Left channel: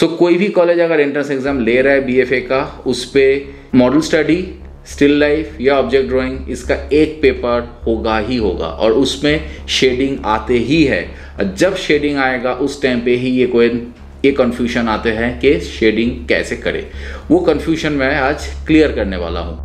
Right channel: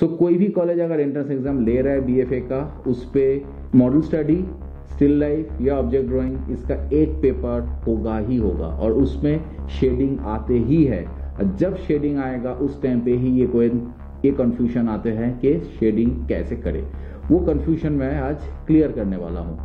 सो कोई भी कॉलेज अगर एंट्रेंस एग्जाम ले रहा है बीएफए का, उस पे मॉडल स्टडी, स्टिल लाइफ या ऑब्जेक्ट ड्राइंग, इसका एक पेपर होगा ही होगा और उसमें शेडिंग आते ही है। जब शेडिंग आएगा उस टाइम पे ही ये कंफ्यूजन आते हैं कि शेडिंग कैसे करें। वो कंफ्यूजन मैं आज क्लियर करने वाला हूं।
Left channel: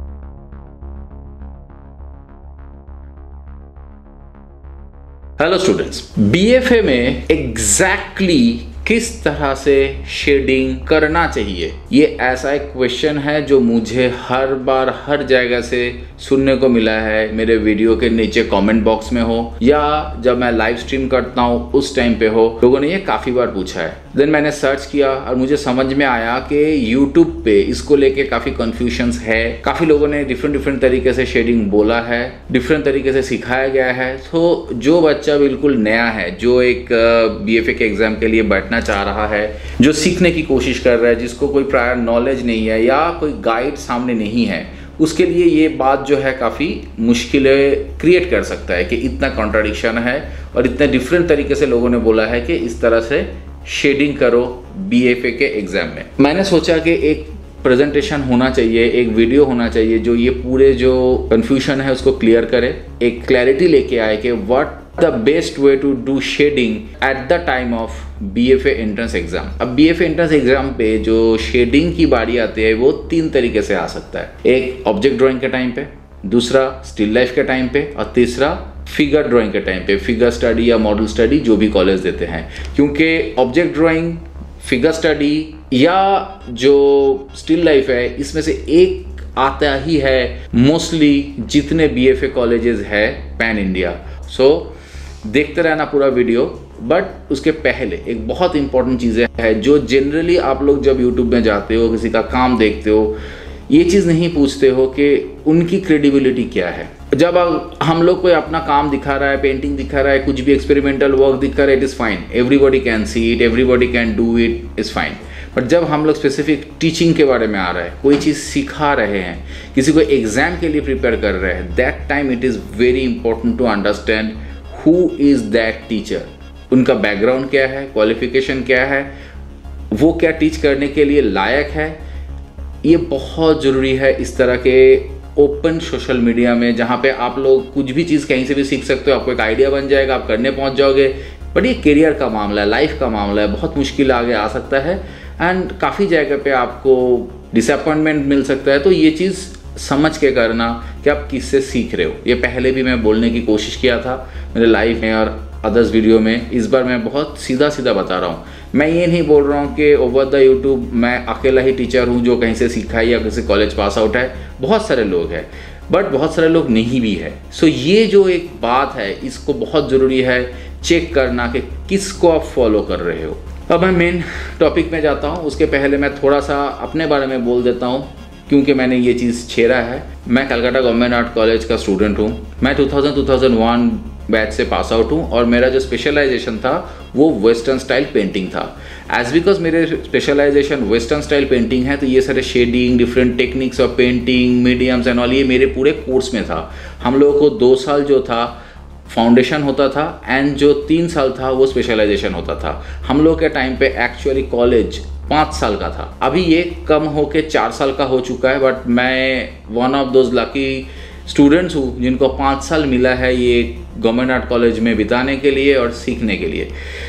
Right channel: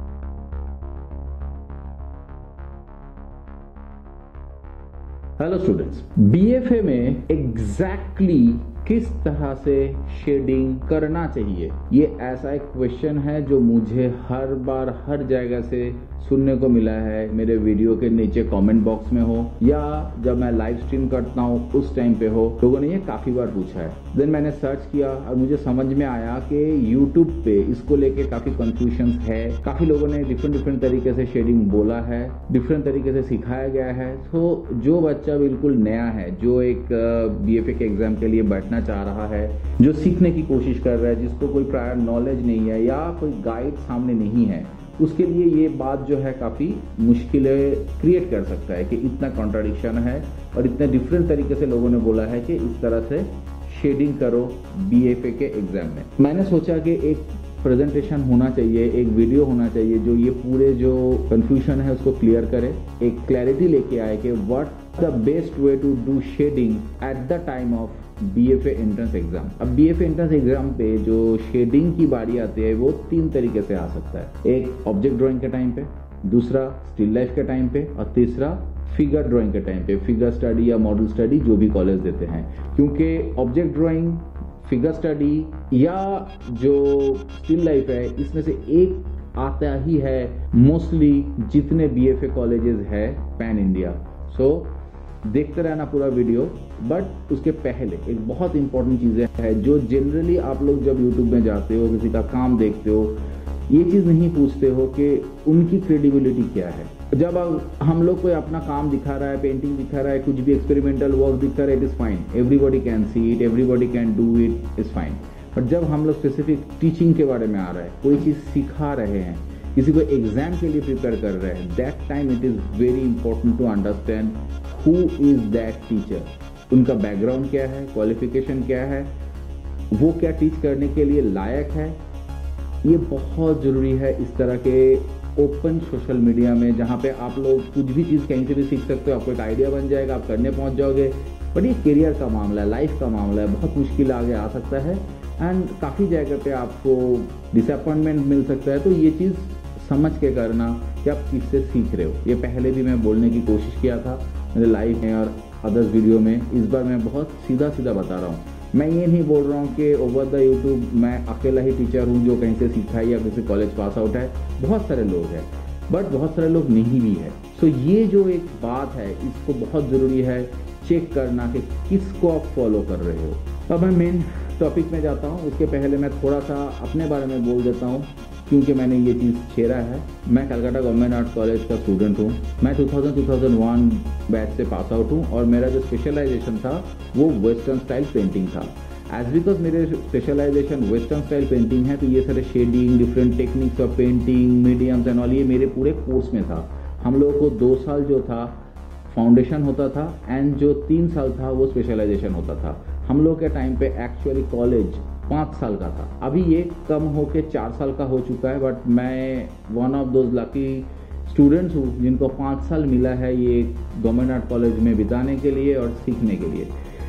हेलो स्टूडेंट्स, बीएफए में एग्जैक्टली किस तरह से शेडिंग करना चाहिए, ये ऐसा एक क्वेश्चन है जो मुझे हर बार हर जगह से सुनने को मिला है। मेरे वीडियो के नीचे कमेंट बॉक्स में हो या जब मैं लाइव स्ट्रीम करता हूँ उस टाइम पे हो, लोगों ने ये काफी बार पूछा है। देन मैंने सर्च किया और मुझे समझ में आया कि यूट्यूब पे इसको लेके काफी कंफ्यूजन्स है। काफी लोगों ने डिफरेंट तरीके से शेडिंग बोला है, डिफरेंट तरीके से सिखाया गया है। तो जो बच्चा बिल्कुल नया है, जो एक बीएफए के एग्जाम के लिए बैठना चाह रहा है, जो सीखने की कोशिश कर रहा है, जिसको कोई प्रायर नॉलेज नहीं है या कोई गाइड सामने नहीं है, उसके लिए ये बात जो है काफ़ी मुश्किलें क्रिएट कर सकता है कि इतना कॉन्ट्राडिक्शन है और इतने डिफरेंट तरीके से लोगों ने बोला है कि इस तरह से शेडिंग करो बीएफए के एग्जाम में। मैंने सोचा कि एक प्रेजेंटेशन होना चाहिए, एक वीडियो होना चाहिए जो ये पूरे जो कंफ्यूजन है उसको क्लियर करे, एक क्लैरिटी लेके आए कि what the best way to do shading at the time of BFA entrance exam. अब बीएफए एंट्रेंस एग्जाम पे जो शेडिंग की बारी आती है वो 3 तरीके से आ सकता है। एक ऑब्जेक्ट ड्राइंग के टाइम पे, दूसरा स्टिल लाइफ के टाइम पे और तीसरा फिगर ड्राइंग के टाइम पे, फिगर स्टडी या मॉडल स्टडी जो भी कॉलेज देते हैं। क्योंकि ऑब्जेक्ट ड्राइंग, फिगर स्टडी या जो स्टिल लाइफ है, इसमें से एक आता ही है मोस्टली जितने बीएफए कॉलेजेस है पैन इंडिया। सो देखते रहना पूरा वीडियो। बट उसके पहले एक बहुत इंपॉर्टेंट चीज़ें है जो जनरली आप लोग जब यूट्यूब में जाते हो, किसी का काम देखते हो, ये चीज़ नहीं पूछते हो कि उनकी क्रेडिबिलिटी क्या है। जब हम लोग कोई अपना काम दिखा रहा है, पेंटिंग दिखा रहा है, कुछ भी एक्सपेरिमेंटल वर्क दिखा रहा है, it is fine, everybody can see it, everybody can do it, is fine. But जब हम लोग स्पेसिफिक टीचिंग के बारे में आ रहा है, कोई चीज़ सिखा रहे हैं, किसी को एग्जाम के लिए प्रिपेयर कर रहे हैं, that time it is very important to understand who is that teacher, उनका बैकग्राउंड क्या है, क्वालिफिकेशन क्या है, वो क्या टीच करने के लिए लायक है। ये बहुत ज़रूरी है इस तरह के ओपन सोशल मीडिया में, जहाँ पे आप लोग कुछ भी चीज़ कहीं से भी सीख सकते हो, आपको एक आइडिया बन जाएगा, आप करने पहुँच जाओगे। बट ये करियर का मामला है, लाइफ का मामला है, बहुत मुश्किल आगे आ सकता है एंड काफ़ी जगह पे आपको डिसअपॉइंटमेंट मिल सकता है। तो ये चीज़ समझ के करना कि आप किससे सीख रहे हो। ये पहले भी मैं बोलने की कोशिश किया था मेरे लाइव में और अदर्स वीडियो में। इस बार मैं बहुत सीधा बता रहा हूँ। मैं ये नहीं बोल रहा हूँ कि ओवर द यूट्यूब मैं अकेला ही टीचर हूँ जो कहीं से सीखा है या किसी कॉलेज पास आउट है। बहुत सारे लोग हैं, बट बहुत सारे लोग नहीं भी है। सो ये जो एक बात है, इसको बहुत ज़रूरी है चेक करना कि किसको आप फॉलो कर रहे हो। अब मैं मेन टॉपिक में जाता हूँ, उसके पहले मैं थोड़ा सा अपने बारे में बोल देता हूँ क्योंकि मैंने ये चीज़ छेड़ा है। मैं कलकत्ता गवर्नमेंट आर्ट कॉलेज का स्टूडेंट हूँ। मैं 2000-2001 बैच से पास आउट हूँ और मेरा जो स्पेशलाइजेशन था वो वेस्टर्न स्टाइल पेंटिंग था। एज बिकॉज मेरे स्पेशलाइजेशन वेस्टर्न स्टाइल पेंटिंग है, तो ये सारे shading, different techniques of painting, mediums and all, ये मेरे पूरे कोर्स में था। हम लोगों को 2 साल जो था फाउंडेशन होता था एंड जो 3 साल था वो स्पेशलाइजेशन होता था। हम लोग के टाइम पे एक्चुअली कॉलेज 5 साल का था। अभी ये कम होके 4 साल का हो चुका है, बट मैं one of those lucky students हूँ जिनको 5 साल मिला है ये गवर्नमेंट आर्ट कॉलेज में बिताने के लिए और सीखने के लिए।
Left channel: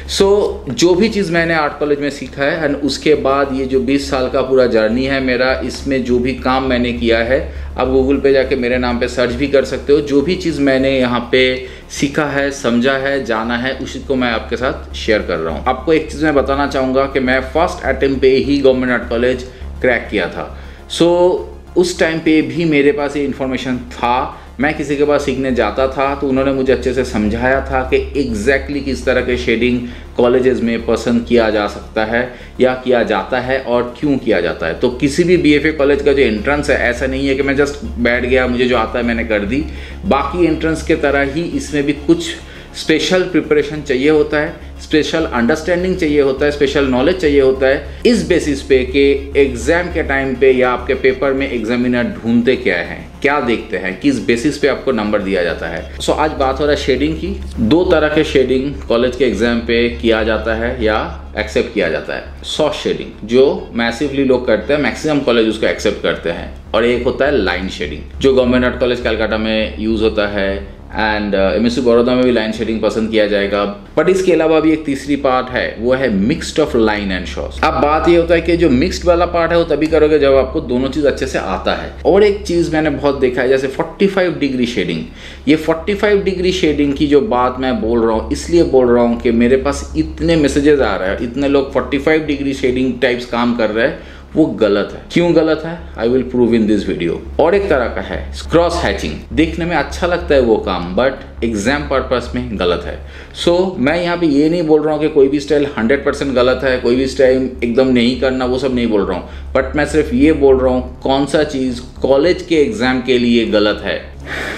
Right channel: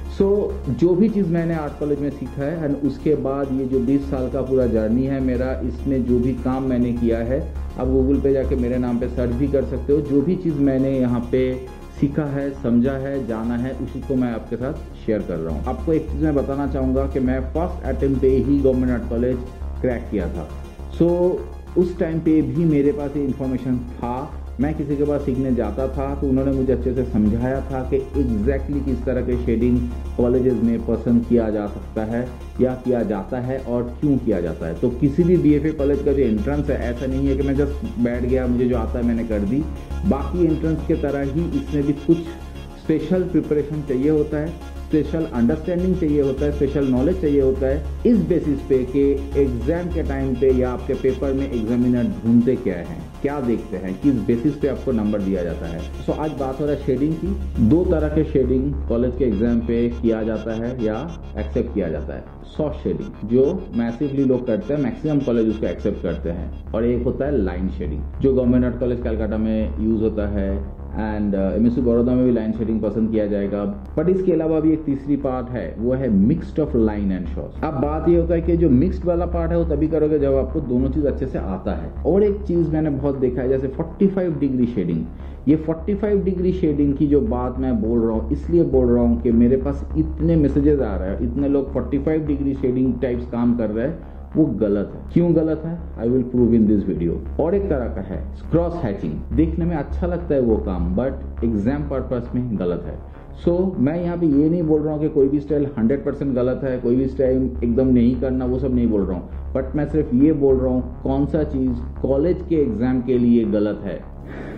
सो जो भी चीज़ मैंने आर्ट कॉलेज में सीखा है एंड उसके बाद ये जो 20 साल का पूरा जर्नी है मेरा, इसमें जो भी काम मैंने किया है, आप गूगल पे जाके मेरे नाम पे सर्च भी कर सकते हो। जो भी चीज़ मैंने यहाँ पे सीखा है, समझा है, जाना है, उसी को मैं आपके साथ शेयर कर रहा हूँ। आपको एक चीज़ मैं बताना चाहूँगा कि मैं फर्स्ट अटेम्प्ट पे ही गवर्नमेंट आर्ट कॉलेज क्रैक किया था। सो उस टाइम पे भी मेरे पास ये इन्फॉर्मेशन था। मैं किसी के पास सीखने जाता था तो उन्होंने मुझे अच्छे से समझाया था कि एग्जैक्टली किस तरह के शेडिंग कॉलेजेस में पसंद किया जा सकता है या किया जाता है और क्यों किया जाता है। तो किसी भी बीएफए कॉलेज का जो एंट्रेंस है, ऐसा नहीं है कि मैं जस्ट बैठ गया, मुझे जो आता है मैंने कर दी। बाकी एंट्रेंस के तरह ही इसमें भी कुछ स्पेशल प्रिपरेशन चाहिए होता है, स्पेशल अंडरस्टैंडिंग चाहिए होता है, स्पेशल नॉलेज चाहिए होता है। इस बेसिस पे कि एग्जाम के टाइम पे या आपके पेपर में एग्जामिनर ढूंढते क्या है, क्या देखते हैं, किस बेसिस पे आपको नंबर दिया जाता है। सो आज बात हो रहा है शेडिंग की। दो तरह के शेडिंग कॉलेज के एग्जाम पे किया जाता है या एक्सेप्ट किया जाता है। सॉफ्ट शेडिंग जो मैसिवली लोग करते हैं, मैक्सिमम कॉलेज उसको एक्सेप्ट करते हैं, और एक होता है लाइन शेडिंग जो गवर्नमेंट आर्ट कॉलेज कलकत्ता में यूज होता है एंड MSU बड़ौदा में भी लाइन शेडिंग पसंद किया जाएगा। बट इसके अलावा भी एक तीसरी पार्ट है, वो है मिक्स्ड ऑफ लाइन एंड शॉस। अब बात ये होता है कि जो मिक्स्ड वाला पार्ट है वो तभी करोगे जब आपको दोनों चीज अच्छे से आता है। और एक चीज मैंने बहुत देखा है, जैसे 45 डिग्री शेडिंग। ये 45 डिग्री शेडिंग की जो बात मैं बोल रहा हूँ, इसलिए बोल रहा हूँ कि मेरे पास इतने मैसेजेस आ रहे हैं, इतने लोग 45 डिग्री शेडिंग टाइप्स काम कर रहे हैं, वो गलत है। क्यों गलत है, I will prove in this video. और एक तरह का है क्रॉस हैचिंग। देखने में अच्छा लगता है वो काम, बट एग्जाम पर्पस में गलत है। सो मैं यहाँ पे ये नहीं बोल रहा हूँ कि कोई भी स्टाइल 100% गलत है, कोई भी स्टाइल एकदम नहीं करना, वो सब नहीं बोल रहा हूँ। बट मैं सिर्फ ये बोल रहा हूँ कौन सा चीज कॉलेज के एग्जाम के लिए गलत है।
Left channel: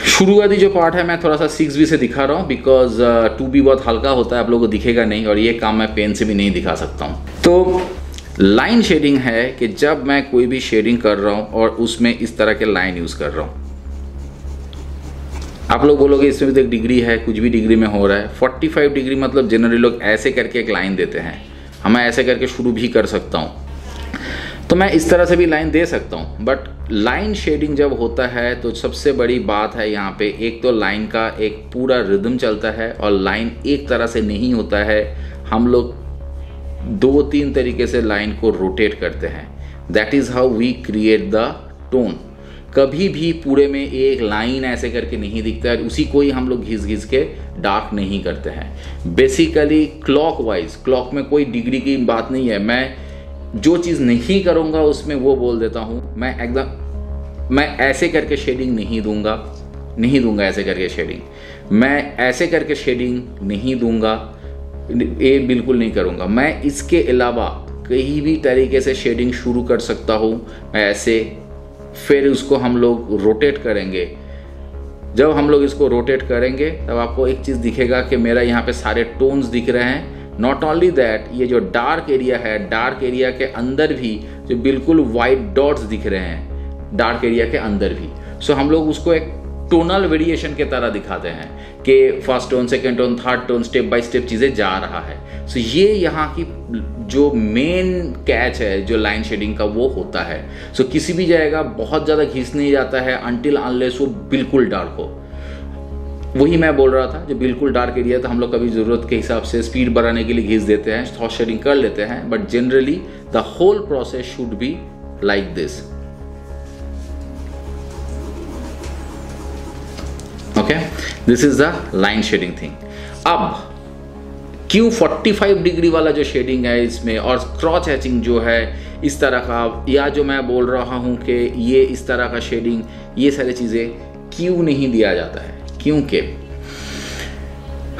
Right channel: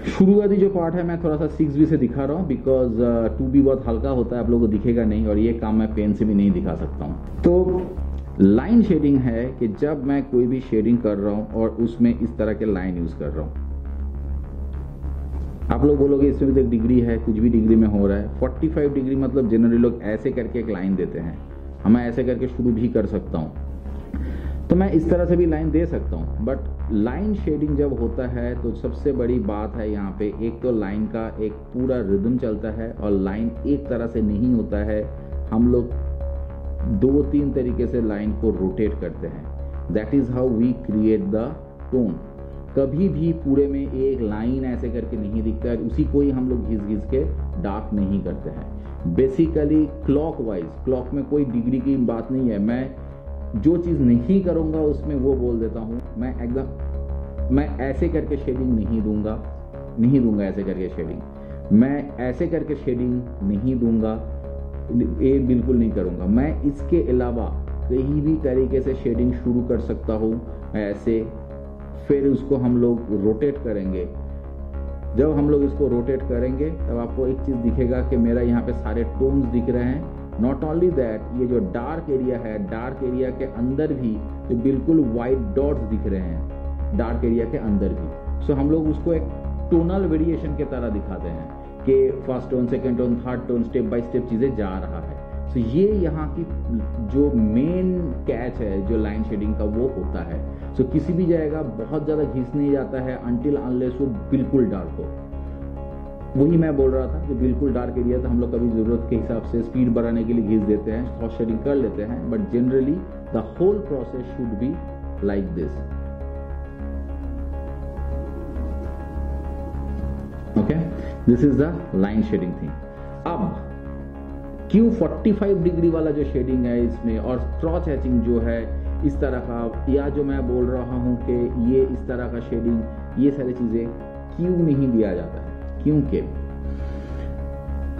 शुरुआती जो पार्ट है मैं थोड़ा सा 6B से दिखा रहा हूँ, बिकॉज 2B बहुत हल्का होता है, आप लोगों को दिखेगा नहीं, और ये काम मैं पेन से भी नहीं दिखा सकता हूँ। तो लाइन शेडिंग है कि जब मैं कोई भी शेडिंग कर रहा हूं और उसमें इस तरह के लाइन यूज कर रहा हूं। आप लोग बोलोगे इसमें भी एक डिग्री है, कुछ भी डिग्री में हो रहा है। 45 डिग्री मतलब जनरली लोग ऐसे करके एक लाइन देते हैं, मैं ऐसे करके शुरू भी कर सकता हूं, तो मैं इस तरह से भी लाइन दे सकता हूं। बट लाइन शेडिंग जब होता है तो सबसे बड़ी बात है यहाँ पे, एक तो लाइन का एक पूरा रिदम चलता है, और लाइन एक तरह से नहीं होता है। हम लोग 2-3 तरीके से लाइन को रोटेट करते हैं। That is how we create the tone. कभी भी पूरे में एक लाइन ऐसे करके नहीं दिखता है, उसी को ही हम लोग घिस घिस के डार्क नहीं करते हैं। बेसिकली क्लॉक वाइज, क्लॉक में कोई डिग्री की बात नहीं है। मैं जो चीज़ नहीं करूँगा उसमें वो बोल देता हूँ। मैं ऐसे करके शेडिंग नहीं दूंगा ऐसे करके शेडिंग, मैं ऐसे करके शेडिंग नहीं दूंगा, ये बिल्कुल नहीं करूँगा। मैं इसके अलावा कहीं भी तरीके से शेडिंग शुरू कर सकता हूँ ऐसे, फिर उसको हम लोग रोटेट करेंगे। जब हम लोग इसको रोटेट करेंगे तब आपको एक चीज़ दिखेगा कि मेरा यहाँ पे सारे टोन्स दिख रहे हैं। नॉट ओनली दैट, ये जो डार्क एरिया है, डार्क एरिया के अंदर भी जो बिल्कुल वाइट डॉट्स दिख रहे हैं डार्क एरिया के अंदर भी। सो हम लोग उसको एक टोनल वेरिएशन के तरह दिखाते हैं कि first tone, second tone, third tone, step by step चीज़ें जा रहा है। सो ये यहाँ की जो मेन कैच है जो लाइन शेडिंग का, वो होता है। सो किसी भी जगह बहुत ज़्यादा घिस नहीं जाता है अनटिल अनलेस वो बिल्कुल डार्क हो। वही मैं बोल रहा था, जो बिल्कुल डार्क एरिया तो हम लोग कभी ज़रूरत के हिसाब से स्पीड बढ़ाने के लिए घिस देते हैं, सॉफ्ट शेडिंग कर लेते हैं, but generally the whole process should be like this. Okay, this is the line shading thing. अब क्यों 45 डिग्री वाला जो शेडिंग है इसमें, और क्रॉस हैचिंग जो है इस तरह का, या जो मैं बोल रहा हूं कि ये इस तरह का शेडिंग, ये सारी चीज़ें क्यों नहीं दिया जाता है? क्योंकि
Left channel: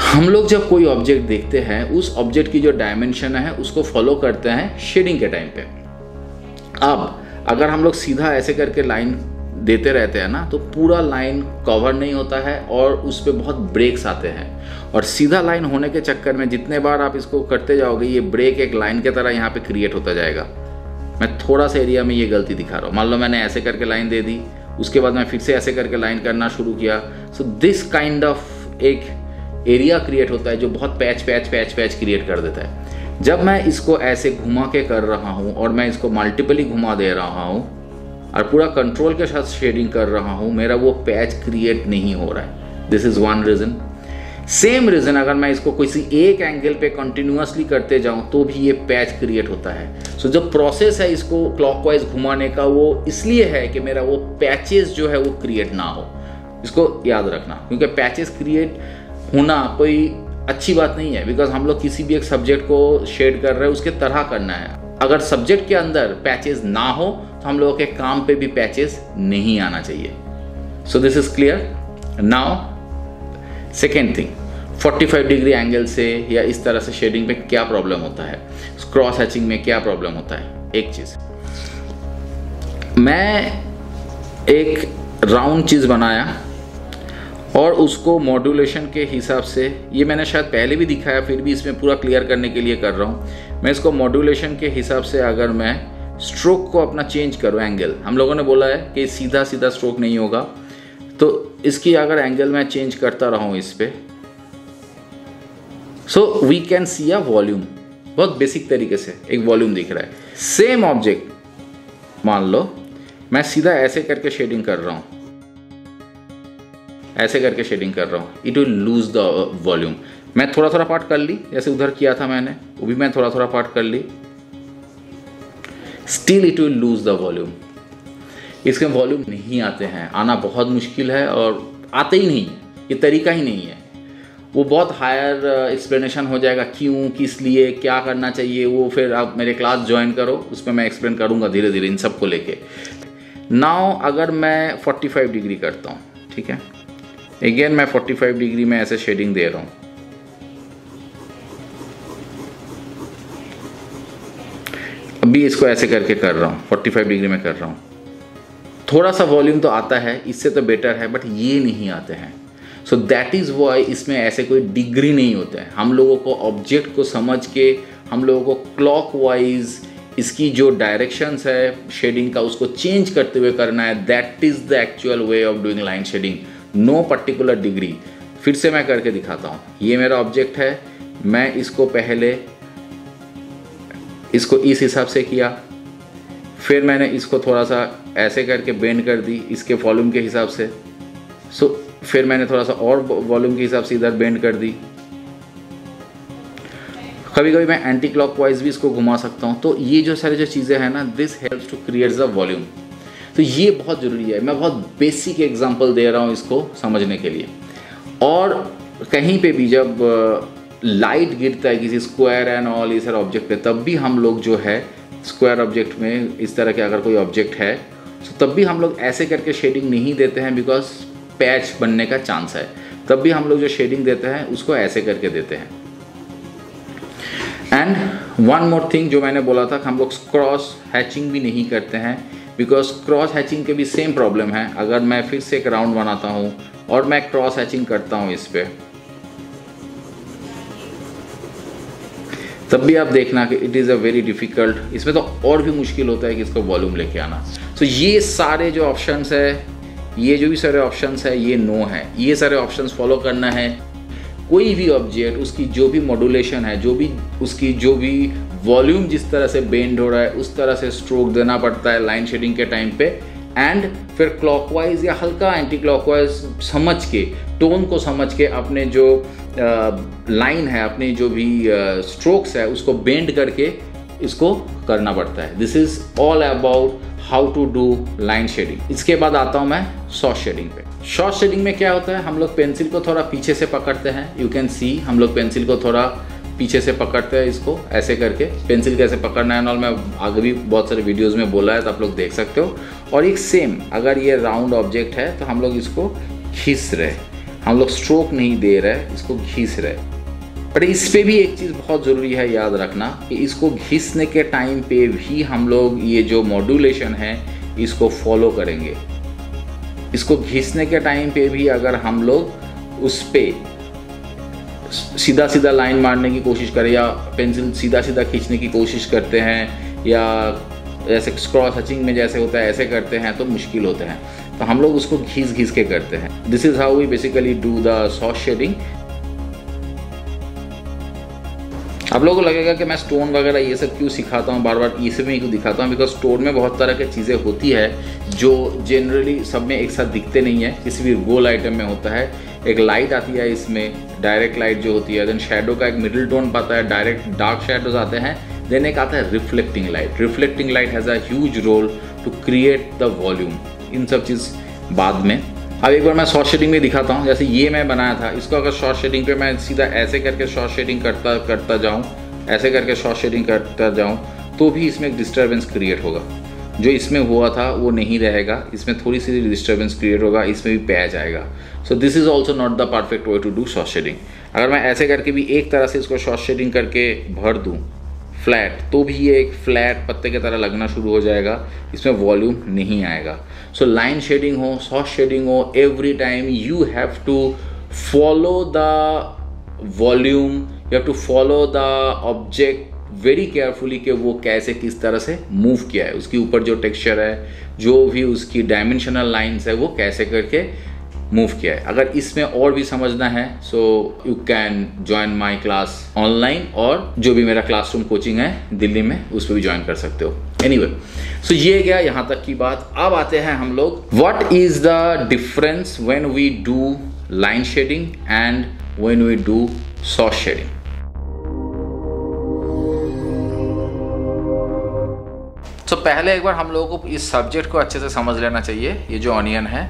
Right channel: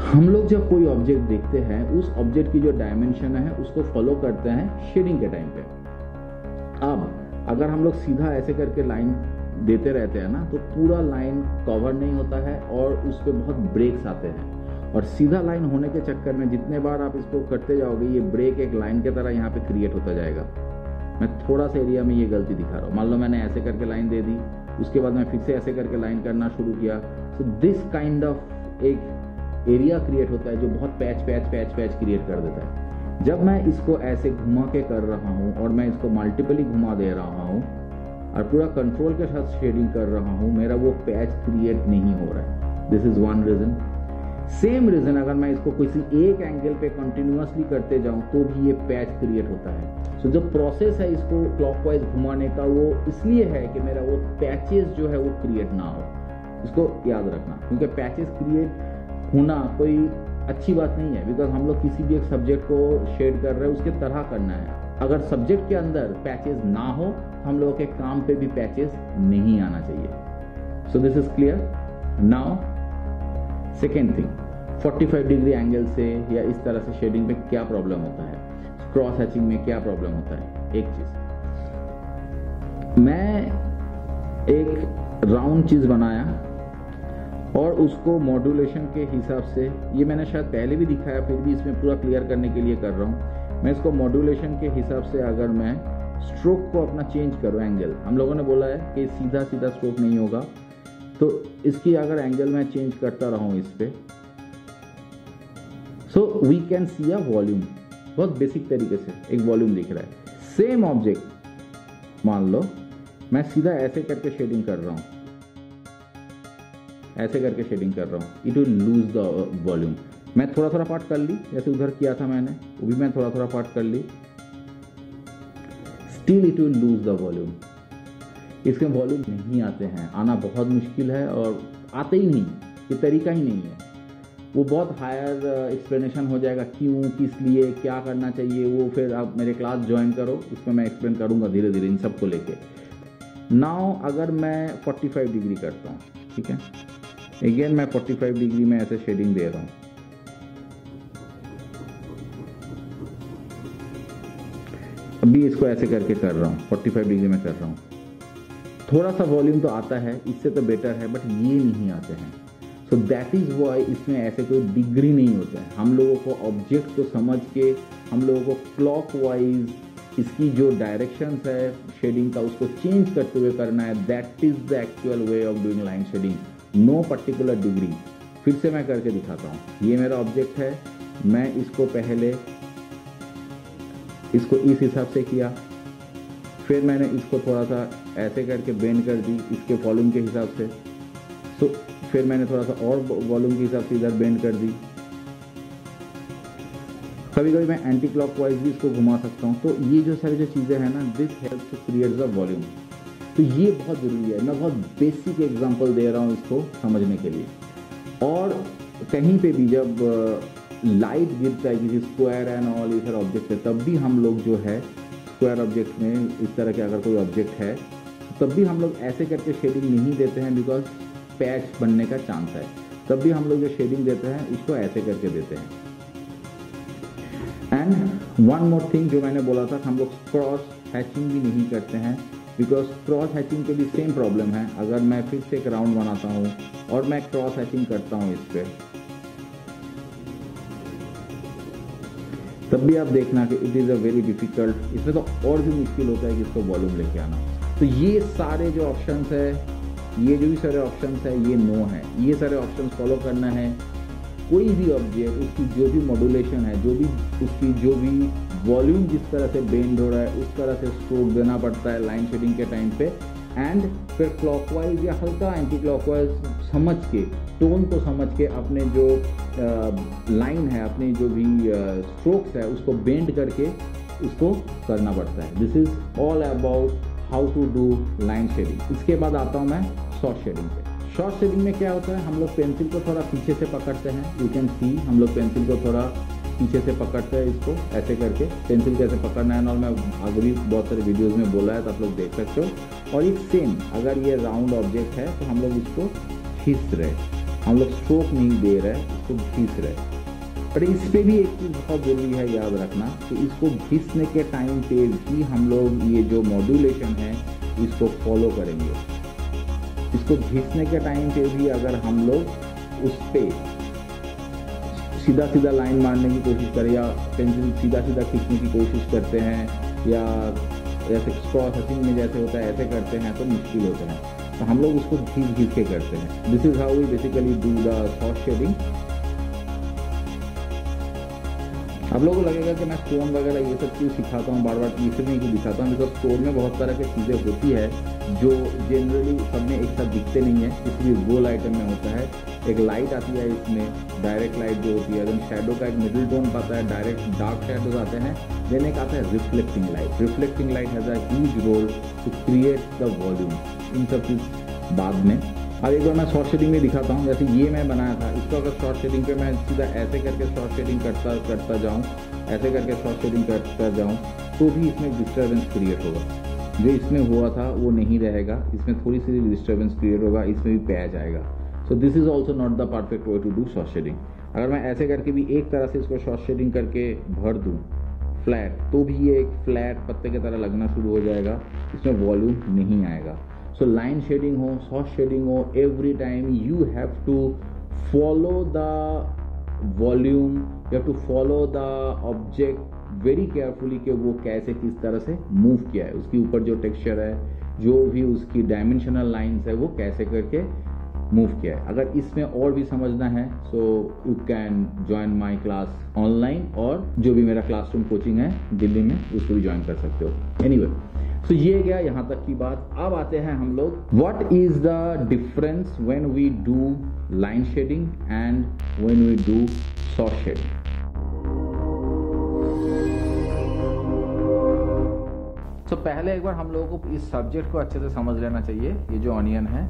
हम लोग जब कोई ऑब्जेक्ट देखते हैं, उस ऑब्जेक्ट की जो डायमेंशन है उसको फॉलो करते हैं शेडिंग के टाइम पे। अब अगर हम लोग सीधा ऐसे करके लाइन देते रहते हैं ना, तो पूरा लाइन कवर नहीं होता है और उस पर बहुत ब्रेक्स आते हैं। और सीधा लाइन होने के चक्कर में जितने बार आप इसको करते जाओगे, ये ब्रेक एक लाइन के तरह यहाँ पे क्रिएट होता जाएगा। मैं थोड़ा सा एरिया में ये गलती दिखा रहा हूँ। मान लो मैंने ऐसे करके लाइन दे दी, उसके बाद मैं फिर से ऐसे करके लाइन करना शुरू किया। सो दिस काइंड ऑफ एक एरिया क्रिएट होता है जो बहुत पैच क्रिएट कर देता है। जब मैं इसको ऐसे घुमा के कर रहा हूँ और मैं इसको मल्टीपली घुमा दे रहा हूँ और पूरा कंट्रोल के साथ शेडिंग कर रहा हूँ, मेरा वो पैच क्रिएट नहीं हो रहा है। This is one reason. Same reason अगर मैं इसको किसी एक एंगल पे कंटिन्यूअसली करते जाऊं तो भी ये पैच क्रिएट होता है। सो जो प्रोसेस है इसको क्लॉकवाइज घुमाने का, वो इसलिए है कि मेरा वो पैचेस जो है वो क्रिएट ना हो। इसको याद रखना, क्योंकि पैचेस क्रिएट होना कोई अच्छी बात नहीं है, बिकॉज हम लोग किसी भी एक सब्जेक्ट को शेड कर रहे हैं उसके तरह करना है। अगर सब्जेक्ट के अंदर पैचेस ना हो तो हम लोगों के काम पे भी पैचेस नहीं आना चाहिए। So this is clear. Now second thing, 45 degree angle से या इस तरह से शेडिंग में क्या प्रॉब्लम होता है, क्रॉस हैचिंग में क्या प्रॉब्लम होता है। एक चीज, मैं एक राउंड चीज बनाया और उसको मॉड्यूलेशन के हिसाब से, ये मैंने शायद पहले भी दिखाया, फिर भी इसमें पूरा क्लियर करने के लिए कर रहा हूँ। मैं इसको मॉड्यूलेशन के हिसाब से अगर मैं स्ट्रोक को अपना चेंज करो एंगल। हम लोगों ने बोला है कि सीधा सीधा स्ट्रोक नहीं होगा, तो इसकी अगर एंगल मैं चेंज करता रहूं इस पे, so we can see a volume. बहुत बेसिक तरीके से एक वॉल्यूम दिख रहा है। सेम ऑब्जेक्ट मान लो मैं सीधा ऐसे करके शेडिंग कर रहा हूं, ऐसे करके शेडिंग कर रहा हूं, it will lose the volume. मैं थोड़ा थोड़ा पार्ट कर ली, जैसे उधर किया था मैंने, वो भी मैं थोड़ा थोड़ा पार्ट कर ली, still it will lose the volume. इसके वॉल्यूम नहीं आते हैं, आना बहुत मुश्किल है और आते ही नहीं, ये तरीका ही नहीं है। वो बहुत हायर एक्सप्लेनेशन हो जाएगा, क्यों, किस लिए, क्या करना चाहिए, वो फिर आप मेरे क्लास ज्वाइन करो, उसमें मैं एक्सप्लेन करूँगा धीरे धीरे इन सब को लेके। नाउ अगर मैं 45 डिग्री करता हूँ, ठीक है, अगेन मैं 45 डिग्री में ऐसे शेडिंग दे रहा हूँ, अभी इसको ऐसे करके कर रहा हूँ, 45 डिग्री में कर रहा हूँ। थोड़ा सा वॉल्यूम तो आता है, इससे तो बेटर है, बट ये नहीं आते हैं। सो दैट इज़ वाई इसमें ऐसे कोई डिग्री नहीं होता है। हम लोगों को ऑब्जेक्ट को समझ के, हम लोगों को क्लॉकवाइज इसकी जो डायरेक्शंस है शेडिंग का, उसको चेंज करते हुए करना है। That is the actual way of doing line shading, no particular degree. फिर से मैं करके दिखाता हूँ। ये मेरा ऑब्जेक्ट है, मैं इसको पहले इसको इस हिसाब से किया, फिर मैंने इसको थोड़ा सा ऐसे करके बेंड कर दी इसके वॉल्यूम के हिसाब से। सो फिर मैंने थोड़ा सा और वॉल्यूम के हिसाब से इधर बेंड कर दी। कभी कभी मैं एंटी क्लॉकवाइज भी इसको घुमा सकता हूँ। तो ये जो सारी जो चीज़ें हैं ना, this helps to create the volume. तो ये बहुत ज़रूरी है। मैं बहुत बेसिक एग्जांपल दे रहा हूँ इसको समझने के लिए। और कहीं पे भी जब लाइट गिरता है किसी स्क्वायर एंड ऑल ये सारे ऑब्जेक्ट पे, तब भी हम लोग जो है स्क्वायर ऑब्जेक्ट में इस तरह के अगर कोई ऑब्जेक्ट है, तो तब भी हम लोग ऐसे करके शेडिंग नहीं देते हैं, बिकॉज पैच बनने का चांस है। तब भी हम लोग जो शेडिंग देते हैं उसको ऐसे करके देते हैं। एंड वन मोर थिंग जो मैंने बोला था कि हम लोग क्रॉस हैचिंग भी नहीं करते हैं, बिकॉज क्रॉस हैचिंग के भी सेम प्रॉब्लम है। अगर मैं फिर से एक राउंड बनाता हूँ और मैं क्रॉस हैचिंग करता हूँ इस पर, तब भी आप देखना कि it is a very difficult. इसमें तो और भी मुश्किल होता है कि इसको वॉल्यूम लेके आना। तो ये सारे जो ऑप्शंस है, ये जो भी सारे ऑप्शंस है, ये नो है। ये सारे ऑप्शंस फॉलो करना है। कोई भी ऑब्जेक्ट, उसकी जो भी मॉड्यूलेशन है, उसकी जो भी वॉल्यूम जिस तरह से बेंड हो रहा है, उस तरह से स्ट्रोक देना पड़ता है लाइन शेडिंग के टाइम पे। एंड फिर क्लॉकवाइज या हल्का एंटी क्लॉकवाइज समझ के, टोन को समझ के, अपने जो लाइन है, अपने जो भी स्ट्रोक्स है, उसको बेंड करके इसको करना पड़ता है। This is all about how to do line shading. इसके बाद आता हूँ मैं शॉर्ट शेडिंग पे। शॉर्ट शेडिंग में क्या होता है, हम लोग पेंसिल को थोड़ा पीछे से पकड़ते हैं। यू कैन सी, हम लोग पेंसिल को थोड़ा पीछे से पकड़ते हैं, इसको ऐसे करके। पेंसिल कैसे पकड़ना है नॉल मैं आगे भी बहुत सारे वीडियोस में बोला है, तो आप लोग देख सकते हो। और एक सेम, अगर ये राउंड ऑब्जेक्ट है तो हम लोग इसको घिस रहे, हम लोग स्ट्रोक नहीं दे रहे, इसको घिस रहे। पर इस पे भी एक चीज़ बहुत ज़रूरी है याद रखना कि इसको घिसने के टाइम पे भी हम लोग ये जो मॉड्यूलेशन है इसको फॉलो करेंगे। इसको घिसने के टाइम पे भी अगर हम लोग उस पे सीधा सीधा लाइन मारने की कोशिश करें या पेंसिल सीधा सीधा खींचने की कोशिश करते हैं, या जैसे क्रॉस हैचिंग में जैसे होता है ऐसे करते हैं, तो मुश्किल होते हैं। तो हम लोग उसको घिस घिस के करते हैं। This is how we basically do the short shading. आप लोगों को लगेगा कि मैं स्टोन वगैरह ये सब क्यों सिखाता हूँ, बार बार इसमें ही क्यों दिखाता हूँ, बिकॉज स्टोन में बहुत तरह की चीज़ें होती है जो जनरली सब में एक साथ दिखते नहीं है, किसी भी गोल आइटम में होता है। एक लाइट आती है इसमें, डायरेक्ट लाइट जो होती है, देन शेडो का एक मिडिल टोन पाता है, डायरेक्ट डार्क शेडोज आते हैं, देन एक आता है reflecting light. Reflecting light has a huge role to create the volume. इन सब चीज़ बाद में। अब एक बार मैं शॉर्ट शेडिंग में दिखाता हूँ। जैसे ये मैं बनाया था, इसको अगर शॉर्ट शेडिंग पे मैं सीधा ऐसे करके शॉर्ट शेडिंग करता जाऊँ, ऐसे करके शॉर्ट शेडिंग करता जाऊँ, तो भी इसमें एक डिस्टर्बेंस क्रिएट होगा। जो इसमें हुआ था वो नहीं रहेगा, इसमें थोड़ी सी डिस्टर्बेंस क्रिएट होगा, इसमें भी पैच आएगा। So this is also not the perfect way to do short shading. अगर मैं ऐसे करके भी एक तरह से इसको शॉर्ट शेडिंग करके भर दूँ फ्लैट, तो भी ये एक फ्लैट पत्ते की तरह लगना शुरू हो जाएगा, इसमें वॉल्यूम नहीं आएगा। सो लाइन शेडिंग हो, शॉर्ट शेडिंग हो, every time you have to follow the volume, you have to follow the object very carefully कि वो कैसे किस तरह से मूव किया है, उसके ऊपर जो टेक्सचर है, जो भी उसकी डायमेंशनल लाइंस है, वो कैसे करके मूव किया है। अगर इसमें और भी समझना है so you can join my class online, और जो भी मेरा क्लासरूम कोचिंग है दिल्ली में उस पर भी ज्वाइन कर सकते हो। एनीवे, सो ये गया यहाँ तक की बात। अब आते हैं हम लोग what is the difference when we do line shading and when we do soft shading. तो पहले एक बार हम लोगों को इस सब्जेक्ट को अच्छे से समझ लेना चाहिए। ये जो ऑनियन है,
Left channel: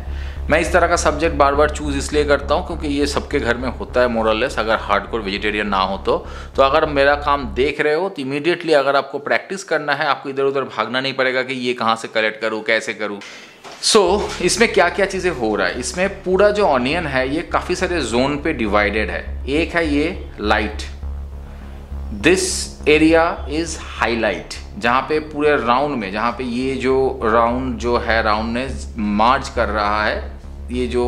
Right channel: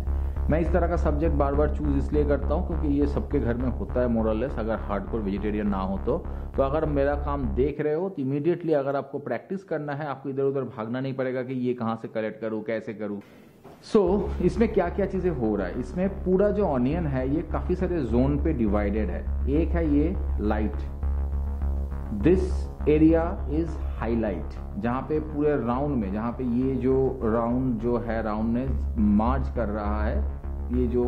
मैं इस तरह का सब्जेक्ट बार बार चूज़ इसलिए करता हूँ क्योंकि ये सबके घर में होता है मोरलेस, अगर हार्डकोर वेजिटेरियन ना हो तो अगर मेरा काम देख रहे हो तो इमीडिएटली अगर आपको प्रैक्टिस करना है, आपको इधर उधर भागना नहीं पड़ेगा कि ये कहाँ से कलेक्ट करूँ, कैसे करूँ। सो इसमें क्या क्या चीज़ें हो रहा है, इसमें पूरा जो ऑनियन है ये काफ़ी सारे जोन पे डिवाइडेड है। एक है ये light, this area is highlight, जहाँ पे पूरे राउंड में, जहाँ पे ये जो राउंड जो है राउंड ने मार्च कर रहा है, ये जो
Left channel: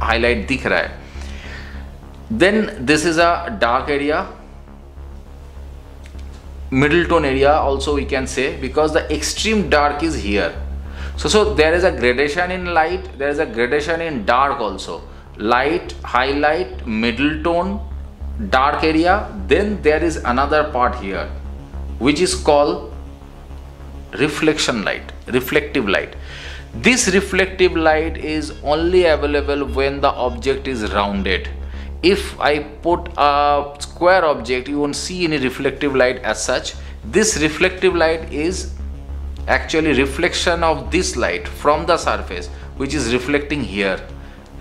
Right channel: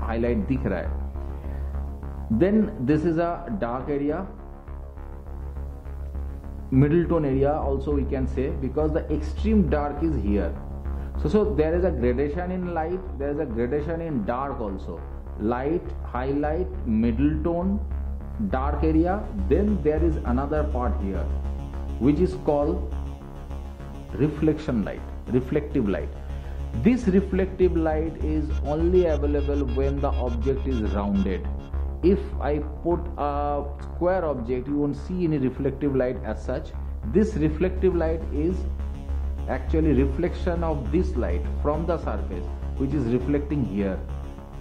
हाईलाइट दिख रहा है। Then this is a dark area, middle tone area also we can say, because the extreme dark is here. So there is a gradation in light, there is a gradation in dark also. Light, highlight, middle tone, dark area. Then there is another part here which is called reflection light, reflective light. This reflective light is only available when the object is rounded. If I put a square object, you won't see any reflective light as such. This reflective light is actually reflection of this light from the surface, which is reflecting here,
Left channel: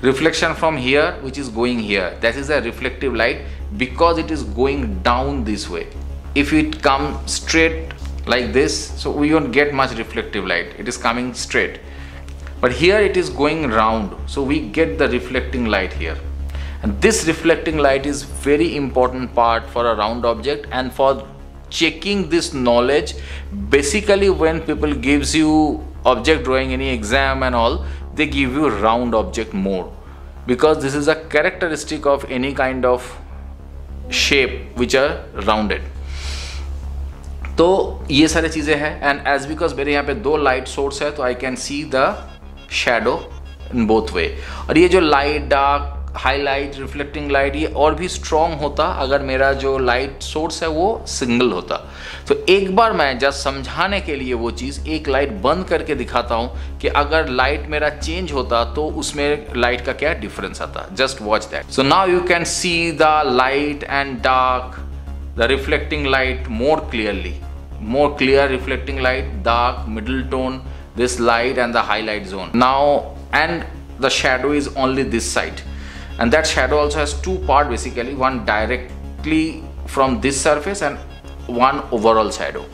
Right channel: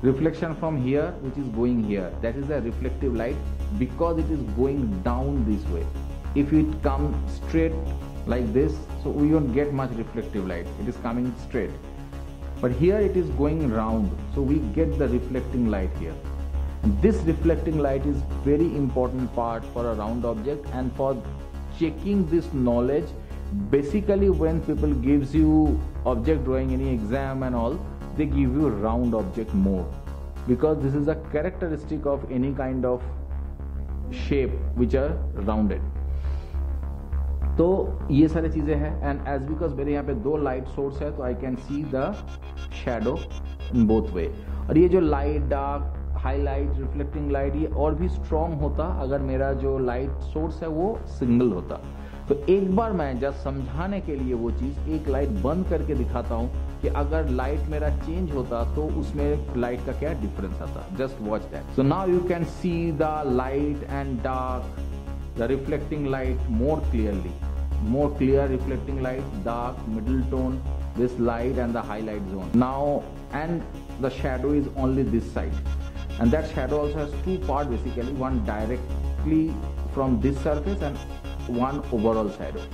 reflection from here which is going here. That is a reflective light because it is going down this way. If it comes straight like this, so we won't get much reflective light, it is coming straight. But here it is going round, so we get the reflecting light here. And this reflecting light is very important part for a round object. And for checking this knowledge, basically when people gives you object drawing, any exam and all, they give you round object more, because this is a characteristic of any kind of shape which are rounded. तो ये सारी चीज़ें हैं. And as because मेरे यहाँ पे दो light source है, तो I can see the shadow in both way. और ये जो light, dark, highlight, reflecting light, ये और भी स्ट्रॉन्ग होता अगर मेरा जो लाइट सोर्स है वो सिंगल होता. तो एक बार मैं जस्ट समझाने के लिए वो चीज़ एक लाइट बंद करके दिखाता हूँ कि अगर लाइट मेरा चेंज होता तो उसमें लाइट का क्या डिफरेंस आता. Just watch that. So now you can see the light and dark, the reflecting light more clearly, more clear reflecting light, dark, middle tone, this light and the highlight zone. Now, and the shadow is only this side, and that shadow also has two parts basically, one directly from this surface and one overall shadow.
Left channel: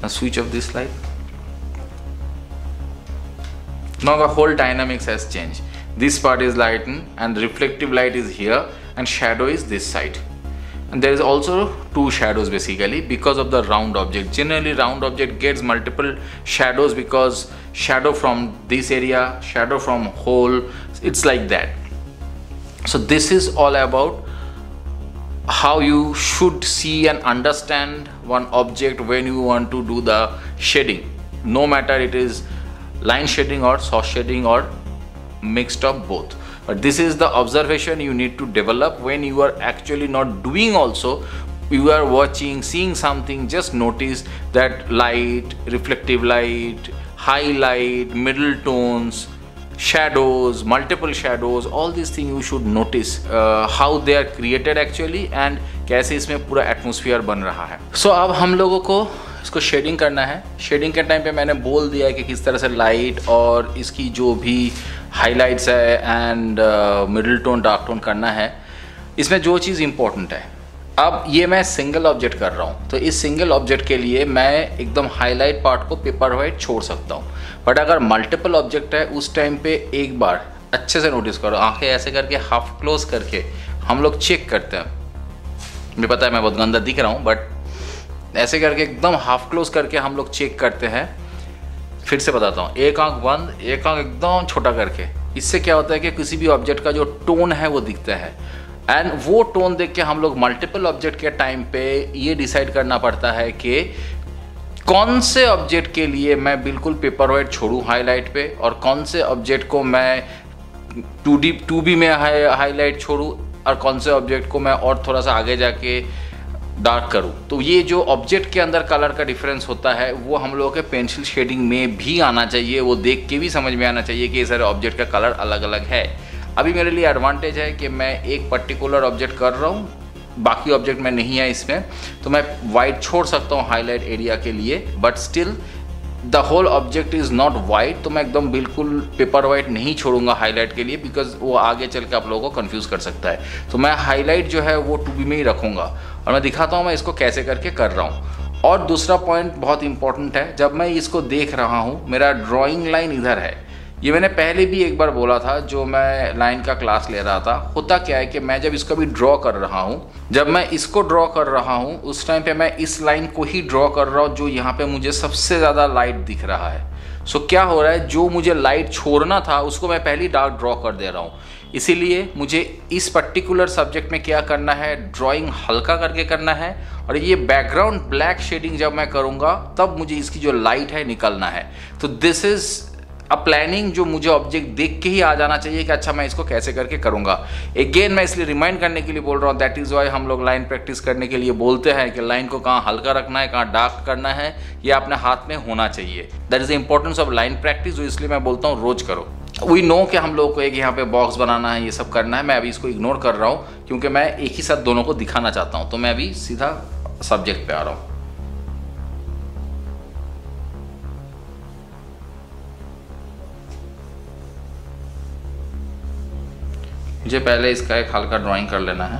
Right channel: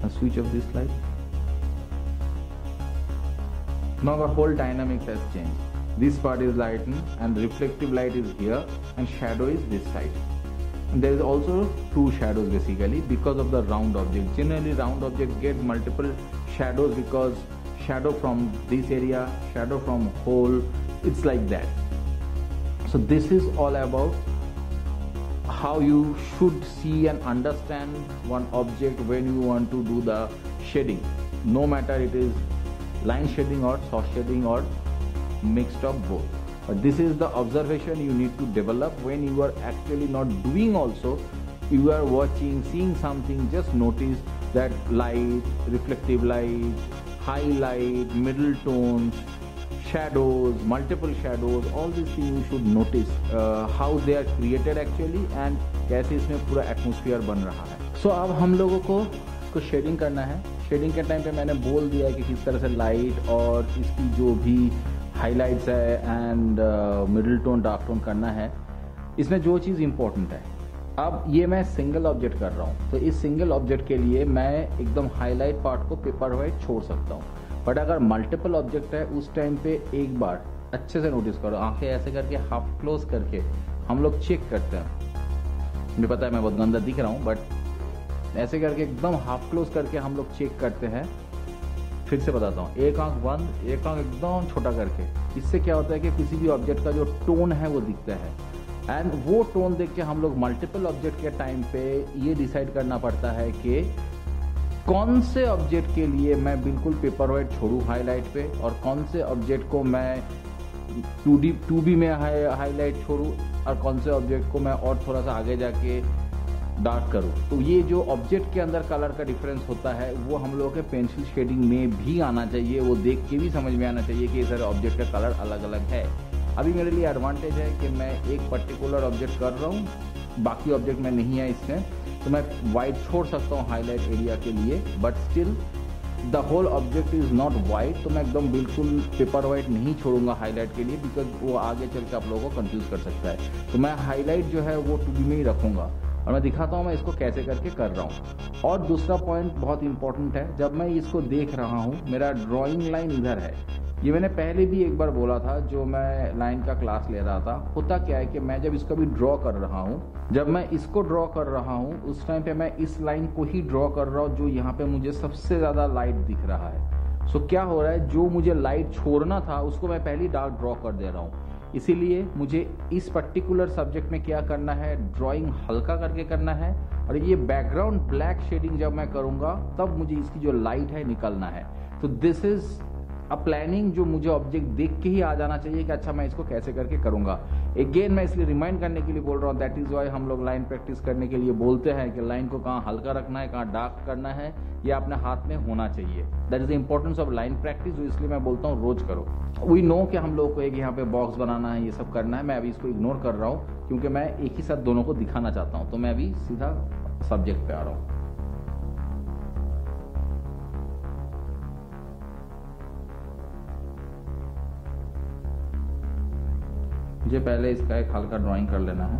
Now switch off this light. Now the whole dynamics has changed. This part is lightened and reflective light is here and shadow is this side. And there is also two shadows basically because of the round object. Generally round object gets multiple shadows because shadow from this area, shadow from whole, it's like that. So this is all about how you should see and understand one object when you want to do the shading. No matter it is line shading or soft shading or mixed of both. But this is the observation you need to develop when you are actually not doing also. You are watching, seeing something, just notice that light, reflective light, highlight, middle tones, shadows, multiple shadows, all these things you should notice how they are created actually and कैसे इसमें पूरा atmosphere बन रहा है. So अब हम लोगों को इसको शेडिंग करना है. शेडिंग के टाइम पे मैंने बोल दिया है कि किस तरह से लाइट और इसकी जो भी हाइलाइट्स है and middle tone, dark tone करना है. इसमें जो चीज़ इंपॉर्टेंट है, अब ये मैं सिंगल ऑब्जेक्ट कर रहा हूँ तो इस सिंगल ऑब्जेक्ट के लिए मैं एकदम हाईलाइट पार्ट को पेपर वाइट छोड़ सकता हूँ. बट अगर मल्टीपल ऑब्जेक्ट है उस टाइम पे एक बार अच्छे से नोटिस करो, आंखें ऐसे करके हाफ क्लोज करके हम लोग चेक करते हैं. मुझे पता है मैं बहुत गंदा दिख रहा हूँ, बट ऐसे करके एकदम हाफ क्लोज करके हम लोग चेक करते हैं. फिर से बताता हूँ, एक आंख बंद, एक आंख एकदम छोटा करके. इससे क्या होता है कि किसी भी ऑब्जेक्ट का जो टोन है वो दिखता है. एंड वो टोन देख के हम लोग मल्टीपल ऑब्जेक्ट के टाइम पे ये डिसाइड करना पड़ता है कि कौन से ऑब्जेक्ट के लिए मैं बिल्कुल पेपर वाइट छोड़ूं हाईलाइट पे, और कौन से ऑब्जेक्ट को मैं 2B में हाईलाइट छोड़ूं, और कौन से ऑब्जेक्ट को मैं और थोड़ा सा आगे जाके डार्क करूं। तो ये जो ऑब्जेक्ट के अंदर कलर का डिफरेंस होता है वो हम लोगों के पेंसिल शेडिंग में भी आना चाहिए, वो देख के भी समझ में आना चाहिए कि ये सारे ऑब्जेक्ट का कलर अलग अलग है। अभी मेरे लिए एडवांटेज है कि मैं एक पर्टिकुलर ऑब्जेक्ट कर रहा हूँ, बाकी ऑब्जेक्ट में नहीं है इसमें, तो मैं वाइट छोड़ सकता हूँ हाईलाइट एरिया के लिए, but still the whole object is not white, तो मैं एकदम बिल्कुल पेपर वाइट नहीं छोड़ूंगा हाईलाइट के लिए, बिकॉज वो आगे चल के आप लोगों को कंफ्यूज कर सकता है। तो मैं हाईलाइट जो है वो 2B में ही रखूँगा, और मैं दिखाता हूँ मैं इसको कैसे करके कर रहा हूँ। और दूसरा पॉइंट बहुत इंपॉर्टेंट है, जब मैं इसको देख रहा हूँ मेरा ड्राइंग लाइन इधर है, ये मैंने पहले भी एक बार बोला था जो मैं लाइन का क्लास ले रहा था। होता क्या है कि मैं जब इसको भी ड्रॉ कर रहा हूँ, जब मैं इसको ड्रॉ कर रहा हूँ उस टाइम पे मैं इस लाइन को ही ड्रॉ कर रहा हूँ जो यहाँ पे मुझे सबसे ज़्यादा लाइट दिख रहा है। सो क्या हो रहा है, जो मुझे लाइट छोड़ना था उसको मैं पहले डार्क ड्रॉ कर दे रहा हूँ। इसीलिए मुझे इस पर्टिकुलर सब्जेक्ट में क्या करना है, ड्राइंग हल्का करके करना है, और ये बैकग्राउंड ब्लैक शेडिंग जब मैं करूँगा तब मुझे इसकी जो लाइट है निकलना है। तो दिस इज़ अ प्लानिंग जो मुझे ऑब्जेक्ट देख के ही आ जाना चाहिए कि अच्छा मैं इसको कैसे करके करूँगा। अगेन मैं इसलिए रिमाइंड करने के लिए बोल रहा हूँ, दैट इज़ वाई हम लोग लाइन प्रैक्टिस करने के लिए बोलते हैं कि लाइन को कहाँ हल्का रखना है, कहाँ डार्क करना है, ये अपने हाथ में होना चाहिए। That is the importance of line practice, जो इसलिए मैं बोलता हूँ रोज करो। वी नो कि हम लोगों को एक यहाँ पे बॉक्स बनाना है, ये सब करना है। मैं अभी इसको इग्नोर कर रहा हूँ क्योंकि मैं एक ही साथ दोनों को दिखाना चाहता हूँ। तो मैं अभी सीधा सब्जेक्ट पे आ रहा हूँ। मुझे पहले इसका एक हल्का ड्राइंग कर लेना है,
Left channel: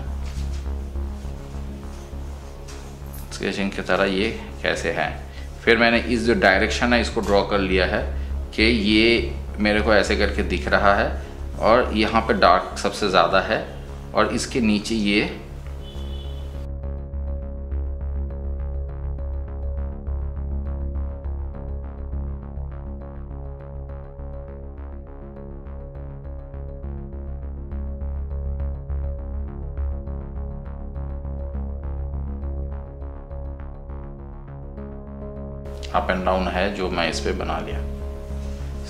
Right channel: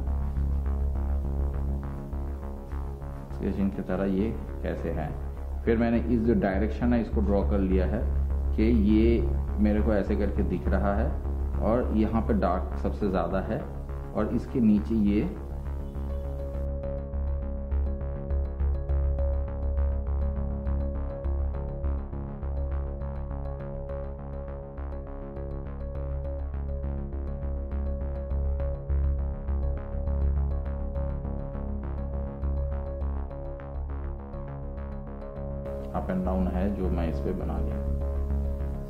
स्केचिंग की तरह ये कैसे है। फिर मैंने इस जो डायरेक्शन है इसको ड्रॉ कर लिया है कि ये मेरे को ऐसे करके दिख रहा है, और यहाँ पे डार्क सबसे ज़्यादा है, और इसके नीचे ये अप एंड डाउन है जो मैं इस पे बना लिया।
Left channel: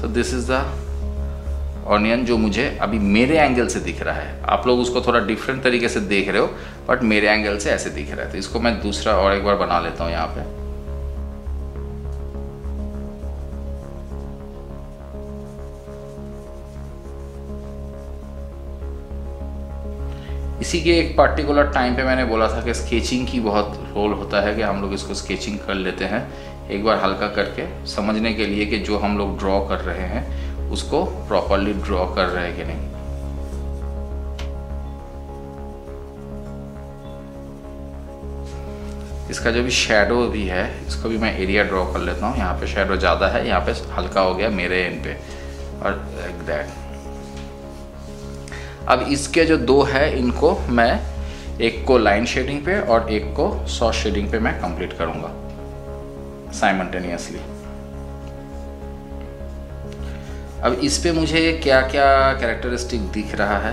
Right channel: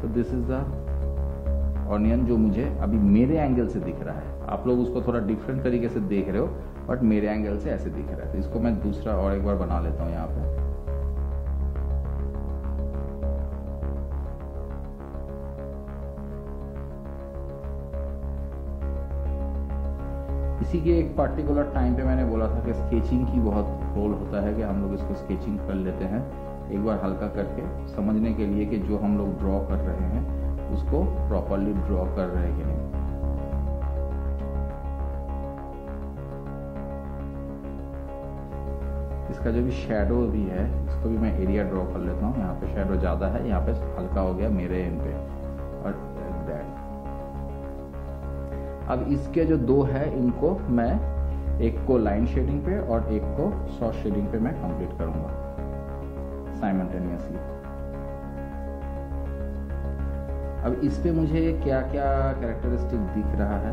सो दिस इज़ द ऑनियन जो मुझे अभी मेरे एंगल से दिख रहा है। आप लोग उसको थोड़ा डिफरेंट तरीके से देख रहे हो, बट मेरे एंगल से ऐसे दिख रहा है। तो इसको मैं दूसरा और एक बार बना लेता हूँ यहाँ पे। इसी के एक पर्टिकुलर टाइम पे मैंने बोला था कि स्केचिंग की बहुत रोल होता है कि हम लोग इसको स्केचिंग कर लेते हैं एक बार हल्का करके, समझने के लिए कि जो हम लोग ड्रॉ कर रहे हैं उसको प्रॉपरली ड्रॉ कर रहे हैं कि नहीं। इसका जो भी शेडो भी है इसको भी मैं एरिया ड्रॉ कर लेता हूँ। यहाँ पे शेडो ज़्यादा है, यहाँ पे हल्का हो गया मेरे एंड पे, और लाइक दैट। अब इसके जो दो है इनको मैं एक को लाइन शेडिंग पे और एक को सॉफ्ट शेडिंग पे मैं कंप्लीट करूंगा साइमल्टेनियसली। अब इस पे मुझे क्या क्या कैरेक्टरिस्टिक दिख रहा है।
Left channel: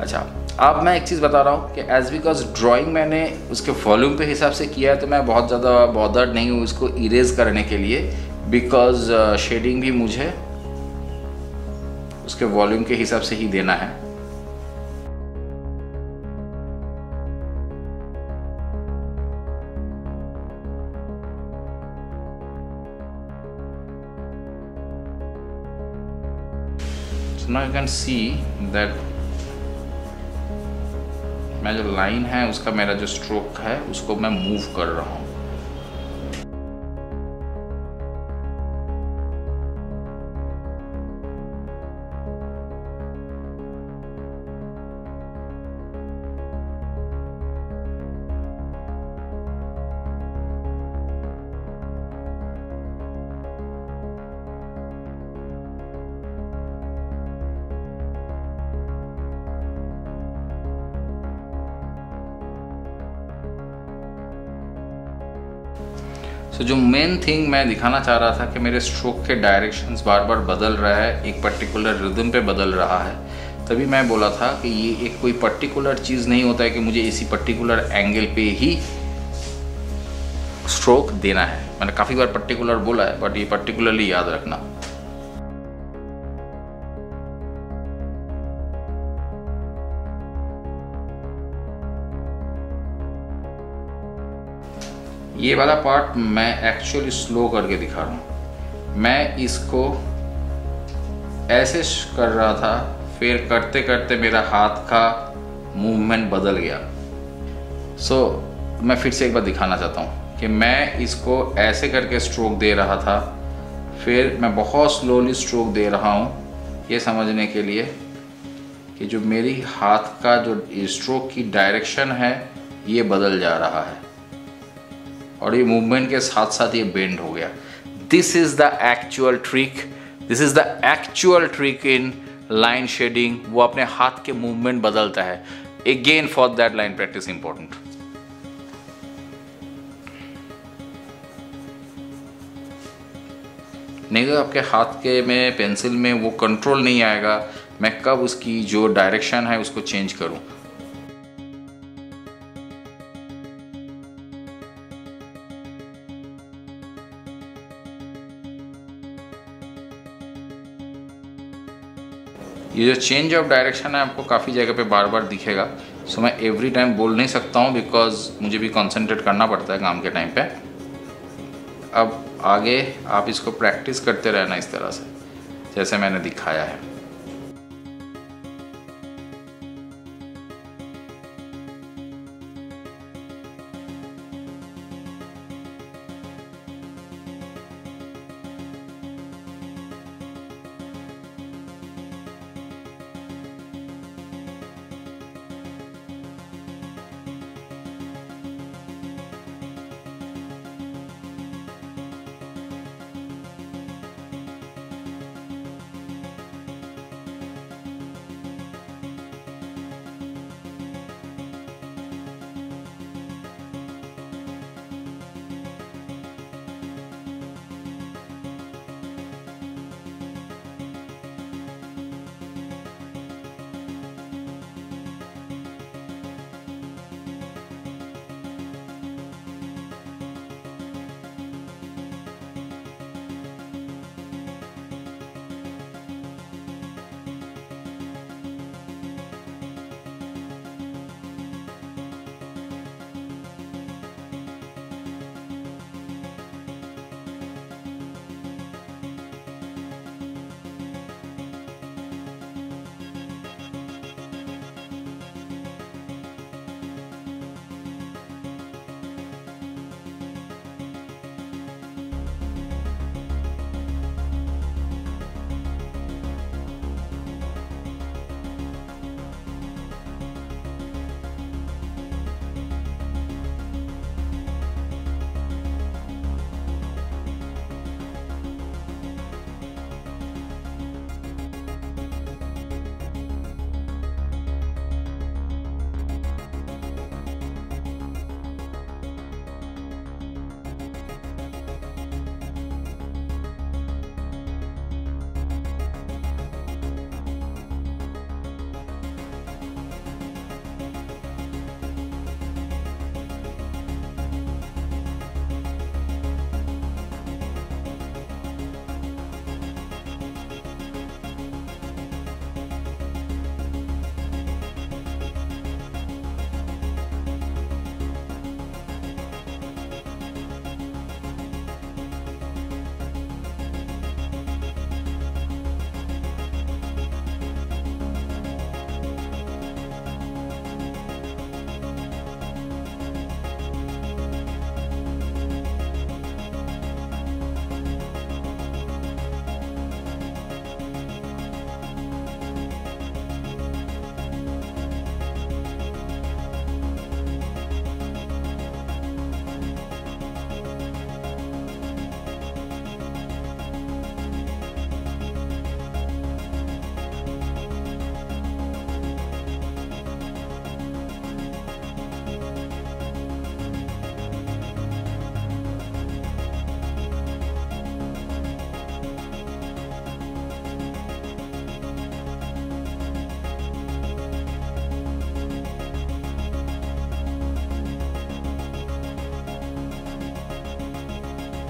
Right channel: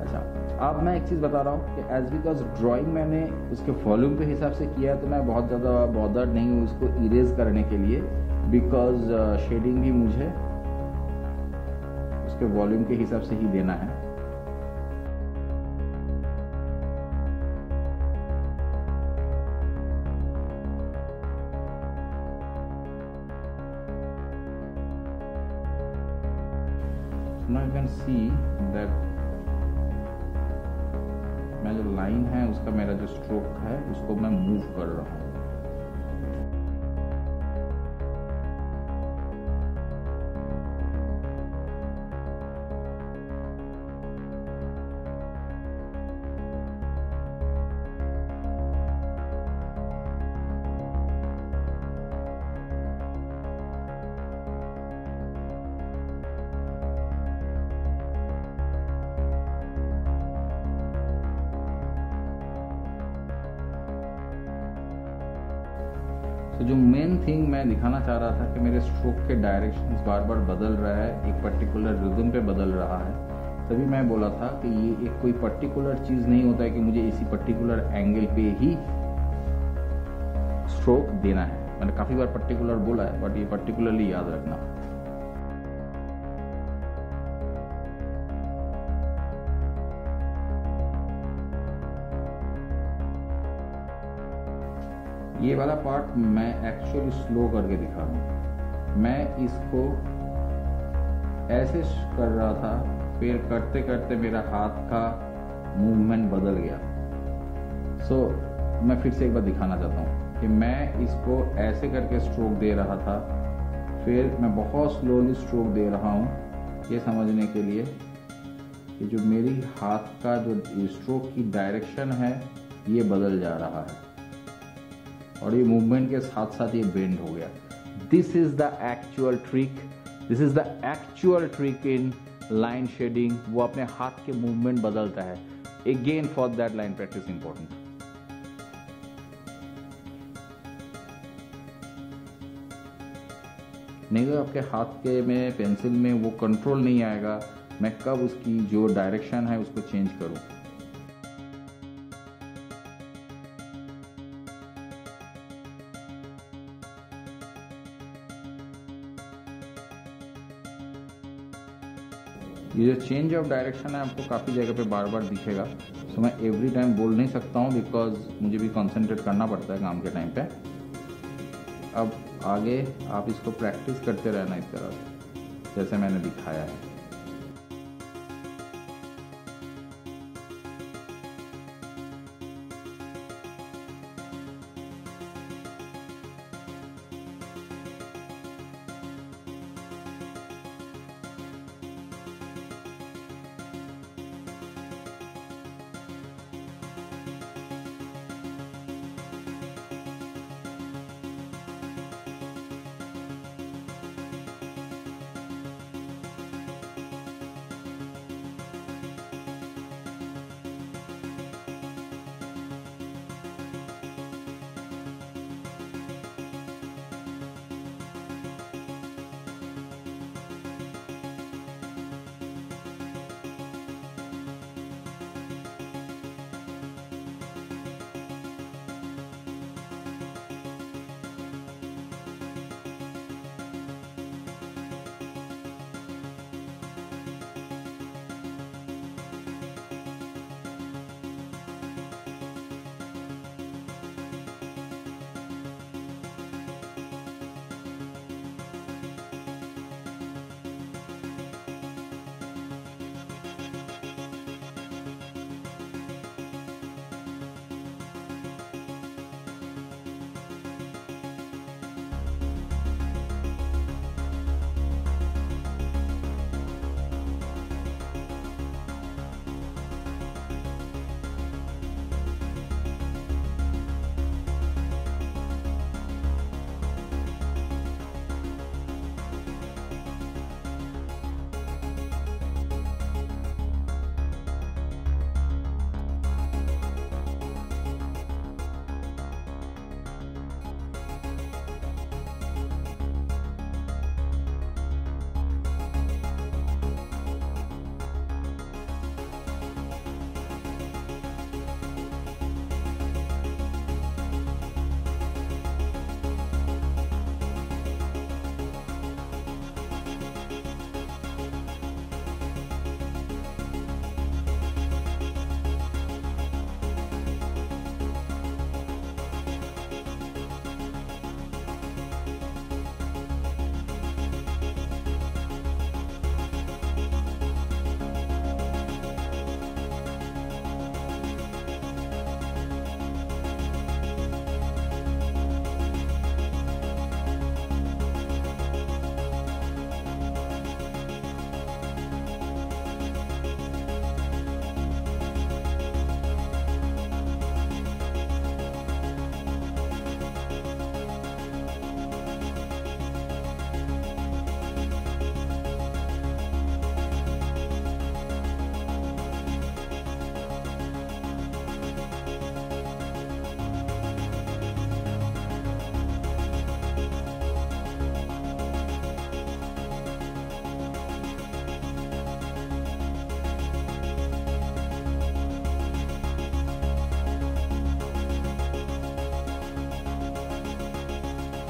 अच्छा, अब मैं एक चीज़ बता रहा हूँ कि एज बिकॉज ड्राइंग मैंने उसके वॉल्यूम पे हिसाब से किया है, तो मैं बहुत ज़्यादा बॉदर्ड नहीं हूँ इसको इरेज करने के लिए, बिकॉज शेडिंग भी मुझे उसके वॉल्यूम के हिसाब से ही देना है। Now you can see that मैं जो लाइन है उसका मेरा जो स्ट्रोक है उसको मैं मूव कर रहा हूँ। तो जो मेन थिंग मैं दिखाना चाह रहा था कि मेरे स्ट्रोक के डायरेक्शंस बार बार बदल रहा है, एक पर्टिकुलर रिदम पे बदल रहा है, तभी मैं बोला था कि ये एक कोई पर्टिकुलर चीज़ नहीं होता है कि मुझे इसी पर्टिकुलर एंगल पे ही स्ट्रोक देना है। मैंने काफ़ी बार पर्टिकुलर बोला है, बट ये पर्टिकुलरली याद रखना। ये वाला पार्ट मैं एक्चुअली स्लो करके दिखा रहा हूँ। मैं इसको ऐसे कर रहा था, फिर करते करते मेरा हाथ का मूवमेंट बदल गया। मैं फिर से एक बार दिखाना चाहता हूँ कि मैं इसको ऐसे करके स्ट्रोक दे रहा था, फिर मैं बहुत स्लोली स्ट्रोक दे रहा हूँ, ये समझने के लिए कि जो मेरी हाथ का जो स्ट्रोक की डायरेक्शन है ये बदल जा रहा है और ये मूवमेंट के साथ साथ ये बेंड हो गया। This is the actual trick, this is the actual trick in line shading. वो अपने हाथ के मूवमेंट बदलता है। Again for that line practice important. नहीं तो आपके हाथ के में पेंसिल में वो कंट्रोल नहीं आएगा मैं कब उसकी जो डायरेक्शन है उसको चेंज करूं। ये जो चेंज ऑफ डायरेक्शन है आपको काफ़ी जगह पे बार बार दिखेगा। मैं एवरी टाइम बोल नहीं सकता हूँ बिकॉज मुझे भी कंसंट्रेट करना पड़ता है काम के टाइम पे। अब आगे आप इसको प्रैक्टिस करते रहना इस तरह से जैसे मैंने दिखाया है।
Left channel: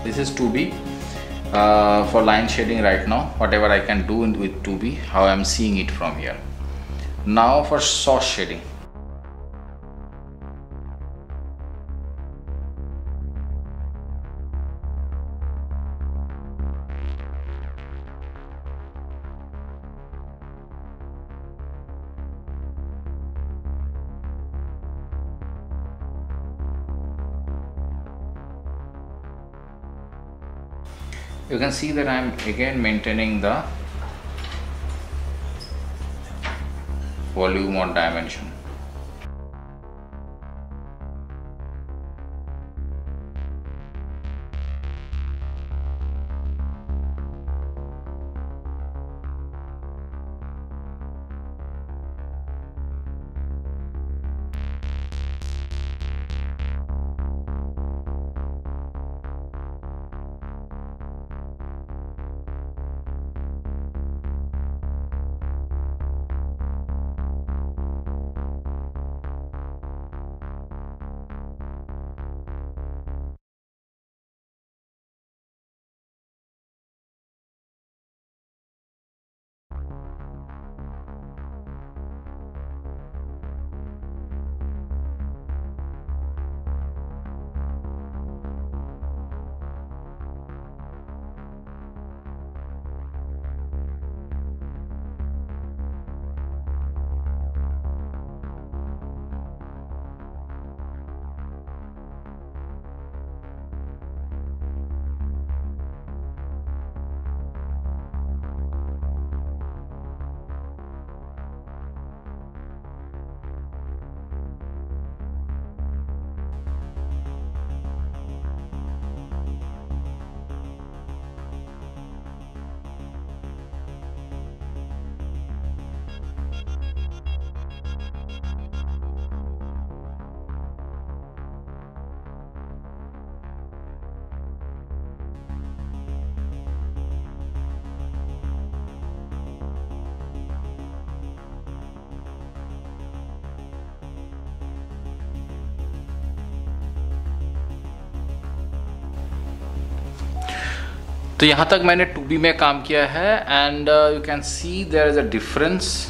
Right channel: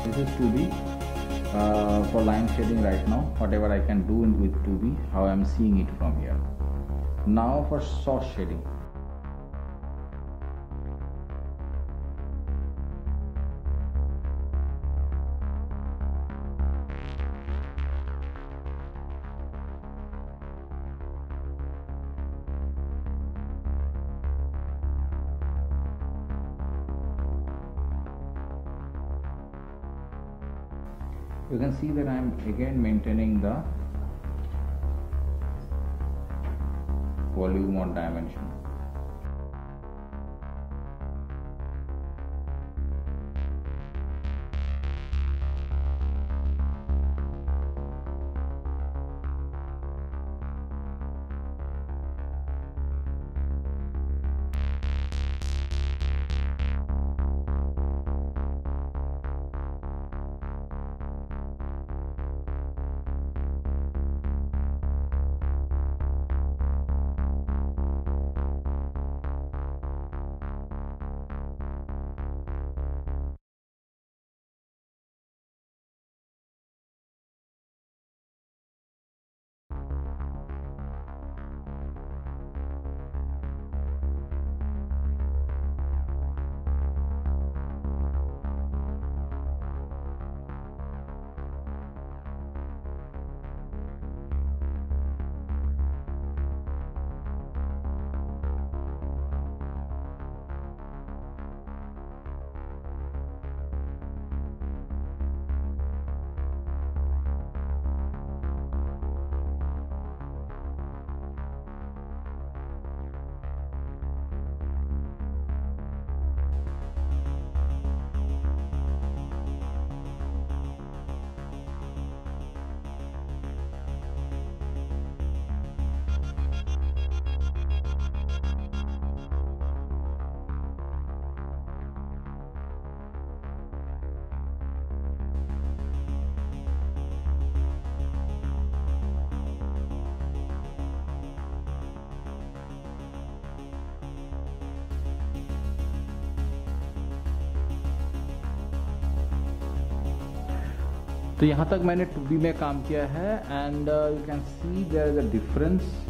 this is 2B for line shading right now, whatever I can do with 2B, how I am seeing it from here. Now for source shading. You can see that I am again maintaining the volume or dimension. तो यहाँ तक मैंने 2B में काम किया है and you can see there is a difference.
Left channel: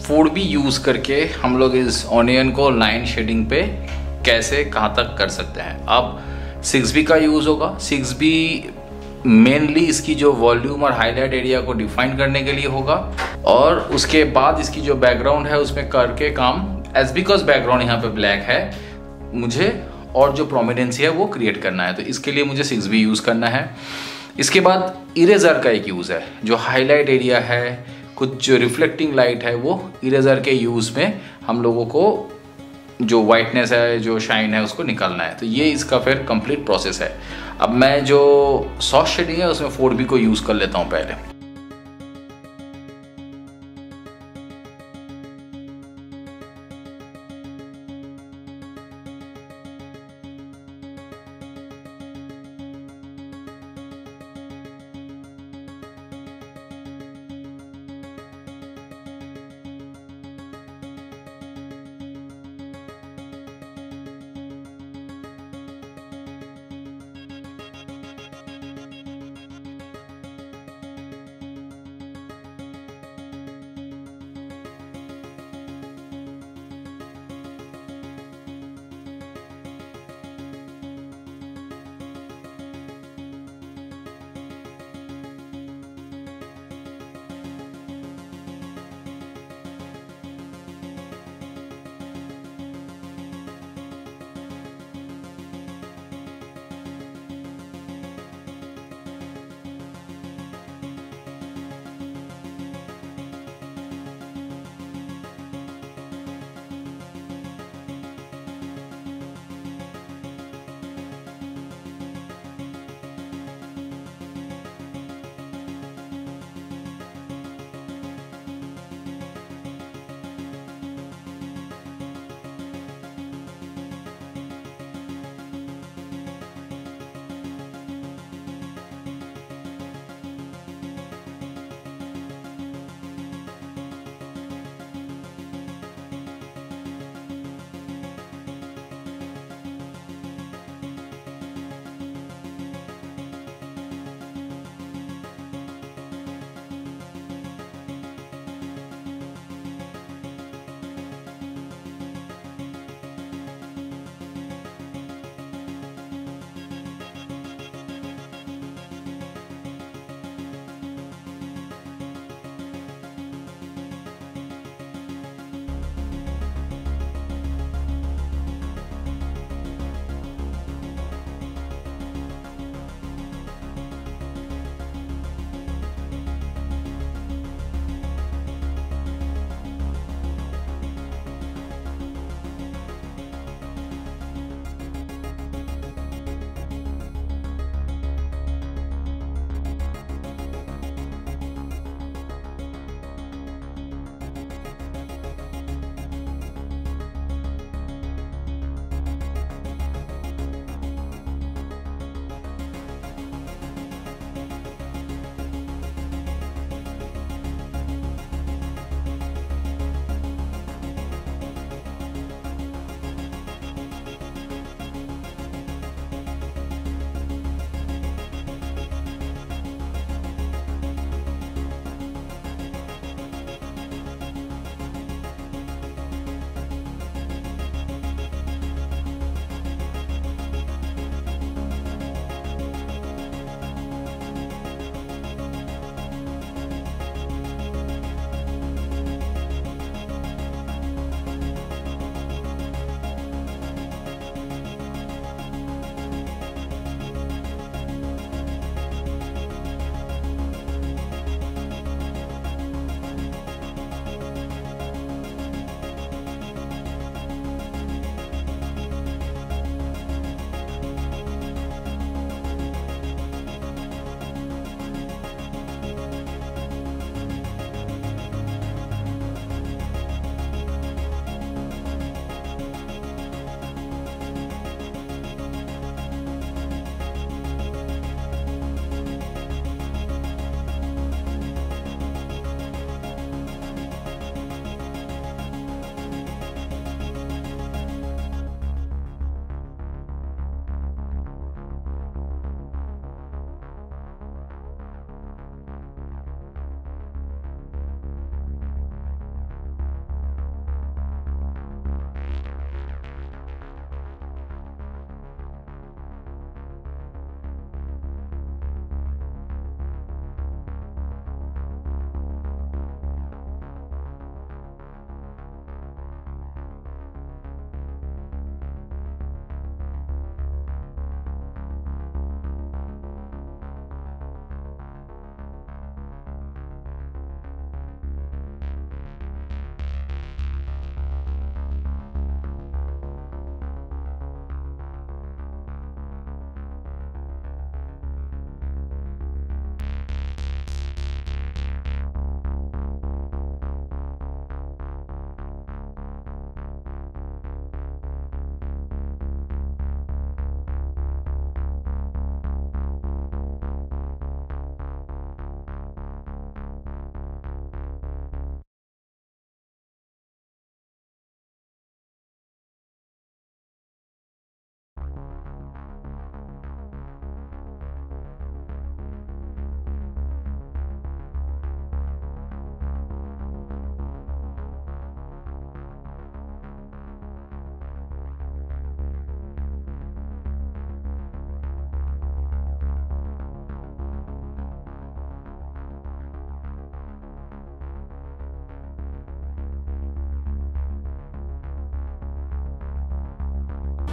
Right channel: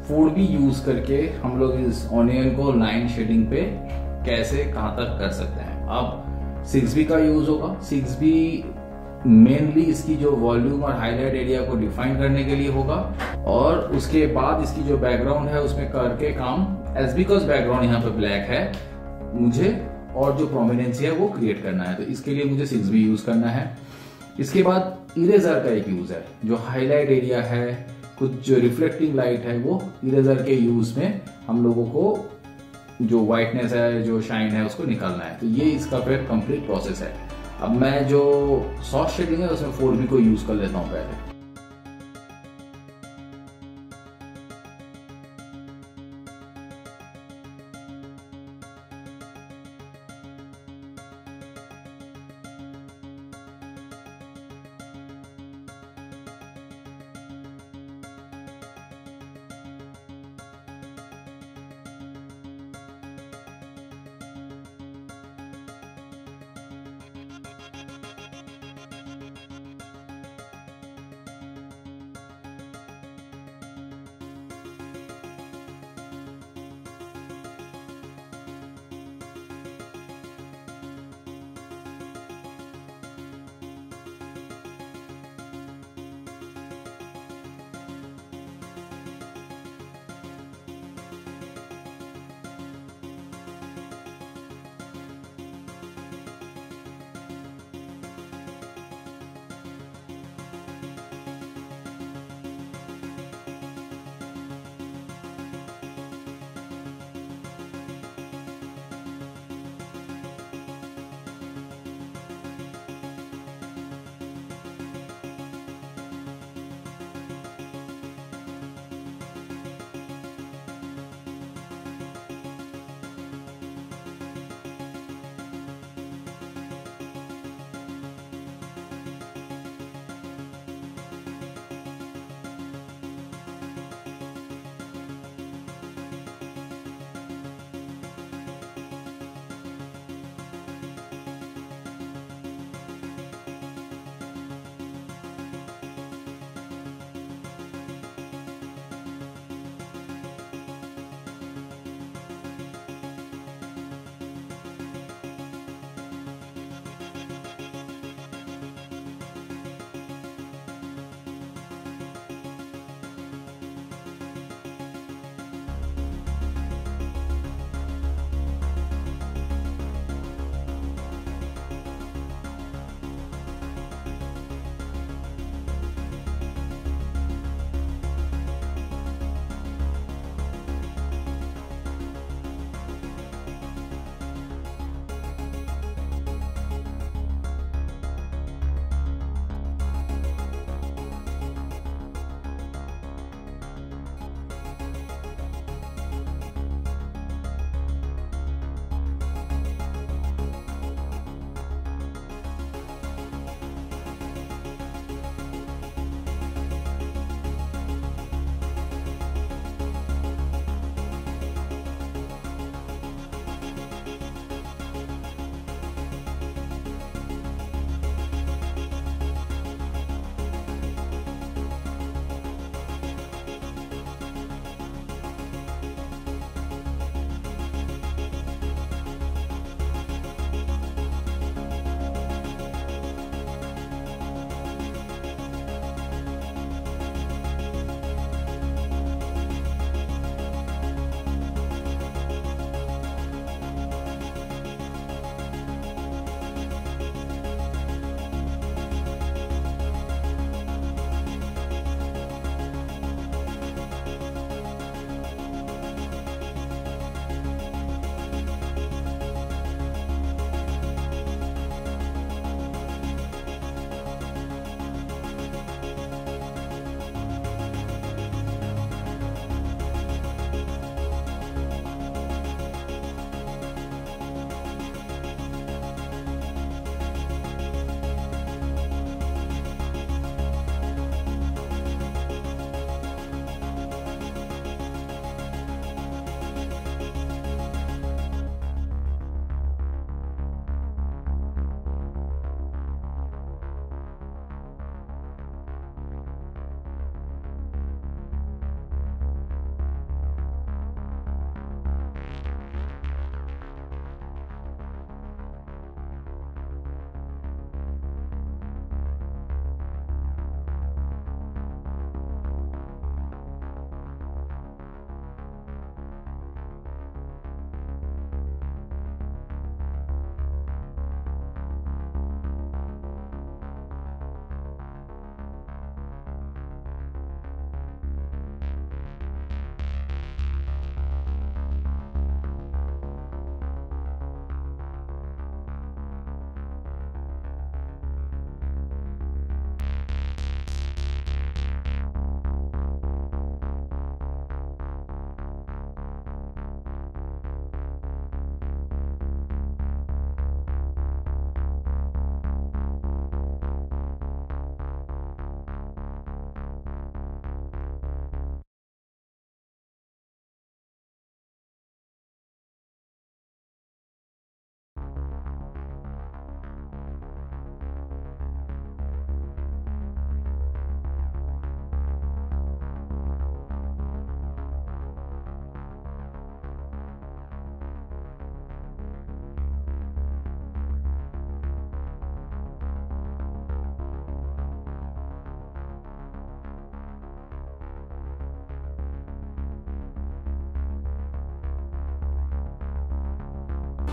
4B use करके हम लोग इस ऑनियन को लाइन शेडिंग पे कैसे कहाँ तक कर सकते हैं। अब 6B का यूज़ होगा। 6B मेनली इसकी जो वॉल्यूम और हाईलाइट एरिया को डिफाइन करने के लिए होगा, और उसके बाद इसकी जो बैकग्राउंड है उसमें करके काम, एज बिकॉज बैकग्राउंड यहाँ पे ब्लैक है, मुझे और जो प्रोमिनेंसी है वो क्रिएट करना है, तो इसके लिए मुझे 6B यूज़ करना है। इसके बाद इरेजर का एक यूज़ है, जो हाईलाइट एरिया है, कुछ जो रिफ्लेक्टिंग लाइट है, वो इरेजर के यूज़ में हम लोगों को जो वाइटनेस है, जो शाइन है, उसको निकालना है। तो ये इसका फिर कंप्लीट प्रोसेस है। अब मैं जो सॉफ्ट शेडिंग है उसमें 4B को यूज़ कर लेता हूँ पहले।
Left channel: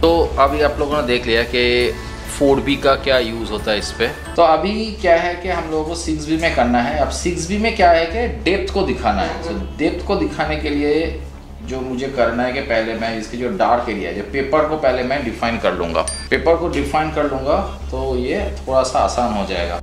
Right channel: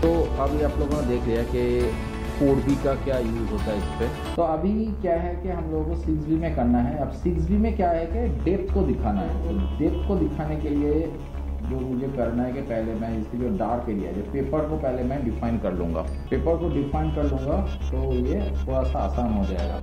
तो अभी आप लोगों ने देख लिया कि 4B का क्या यूज़ होता है इस पे। तो अभी क्या है कि हम लोगों को 6B में करना है। अब 6B में क्या है कि डेप्थ को दिखाना है। तो डेप्थ को दिखाने के लिए जो मुझे करना है कि पहले मैं इसकी जो डार्क एरिया है, पेपर को पहले मैं डिफाइन कर लूँगा। पेपर को डिफाइन कर लूँगा तो ये थोड़ा सा आसान हो जाएगा।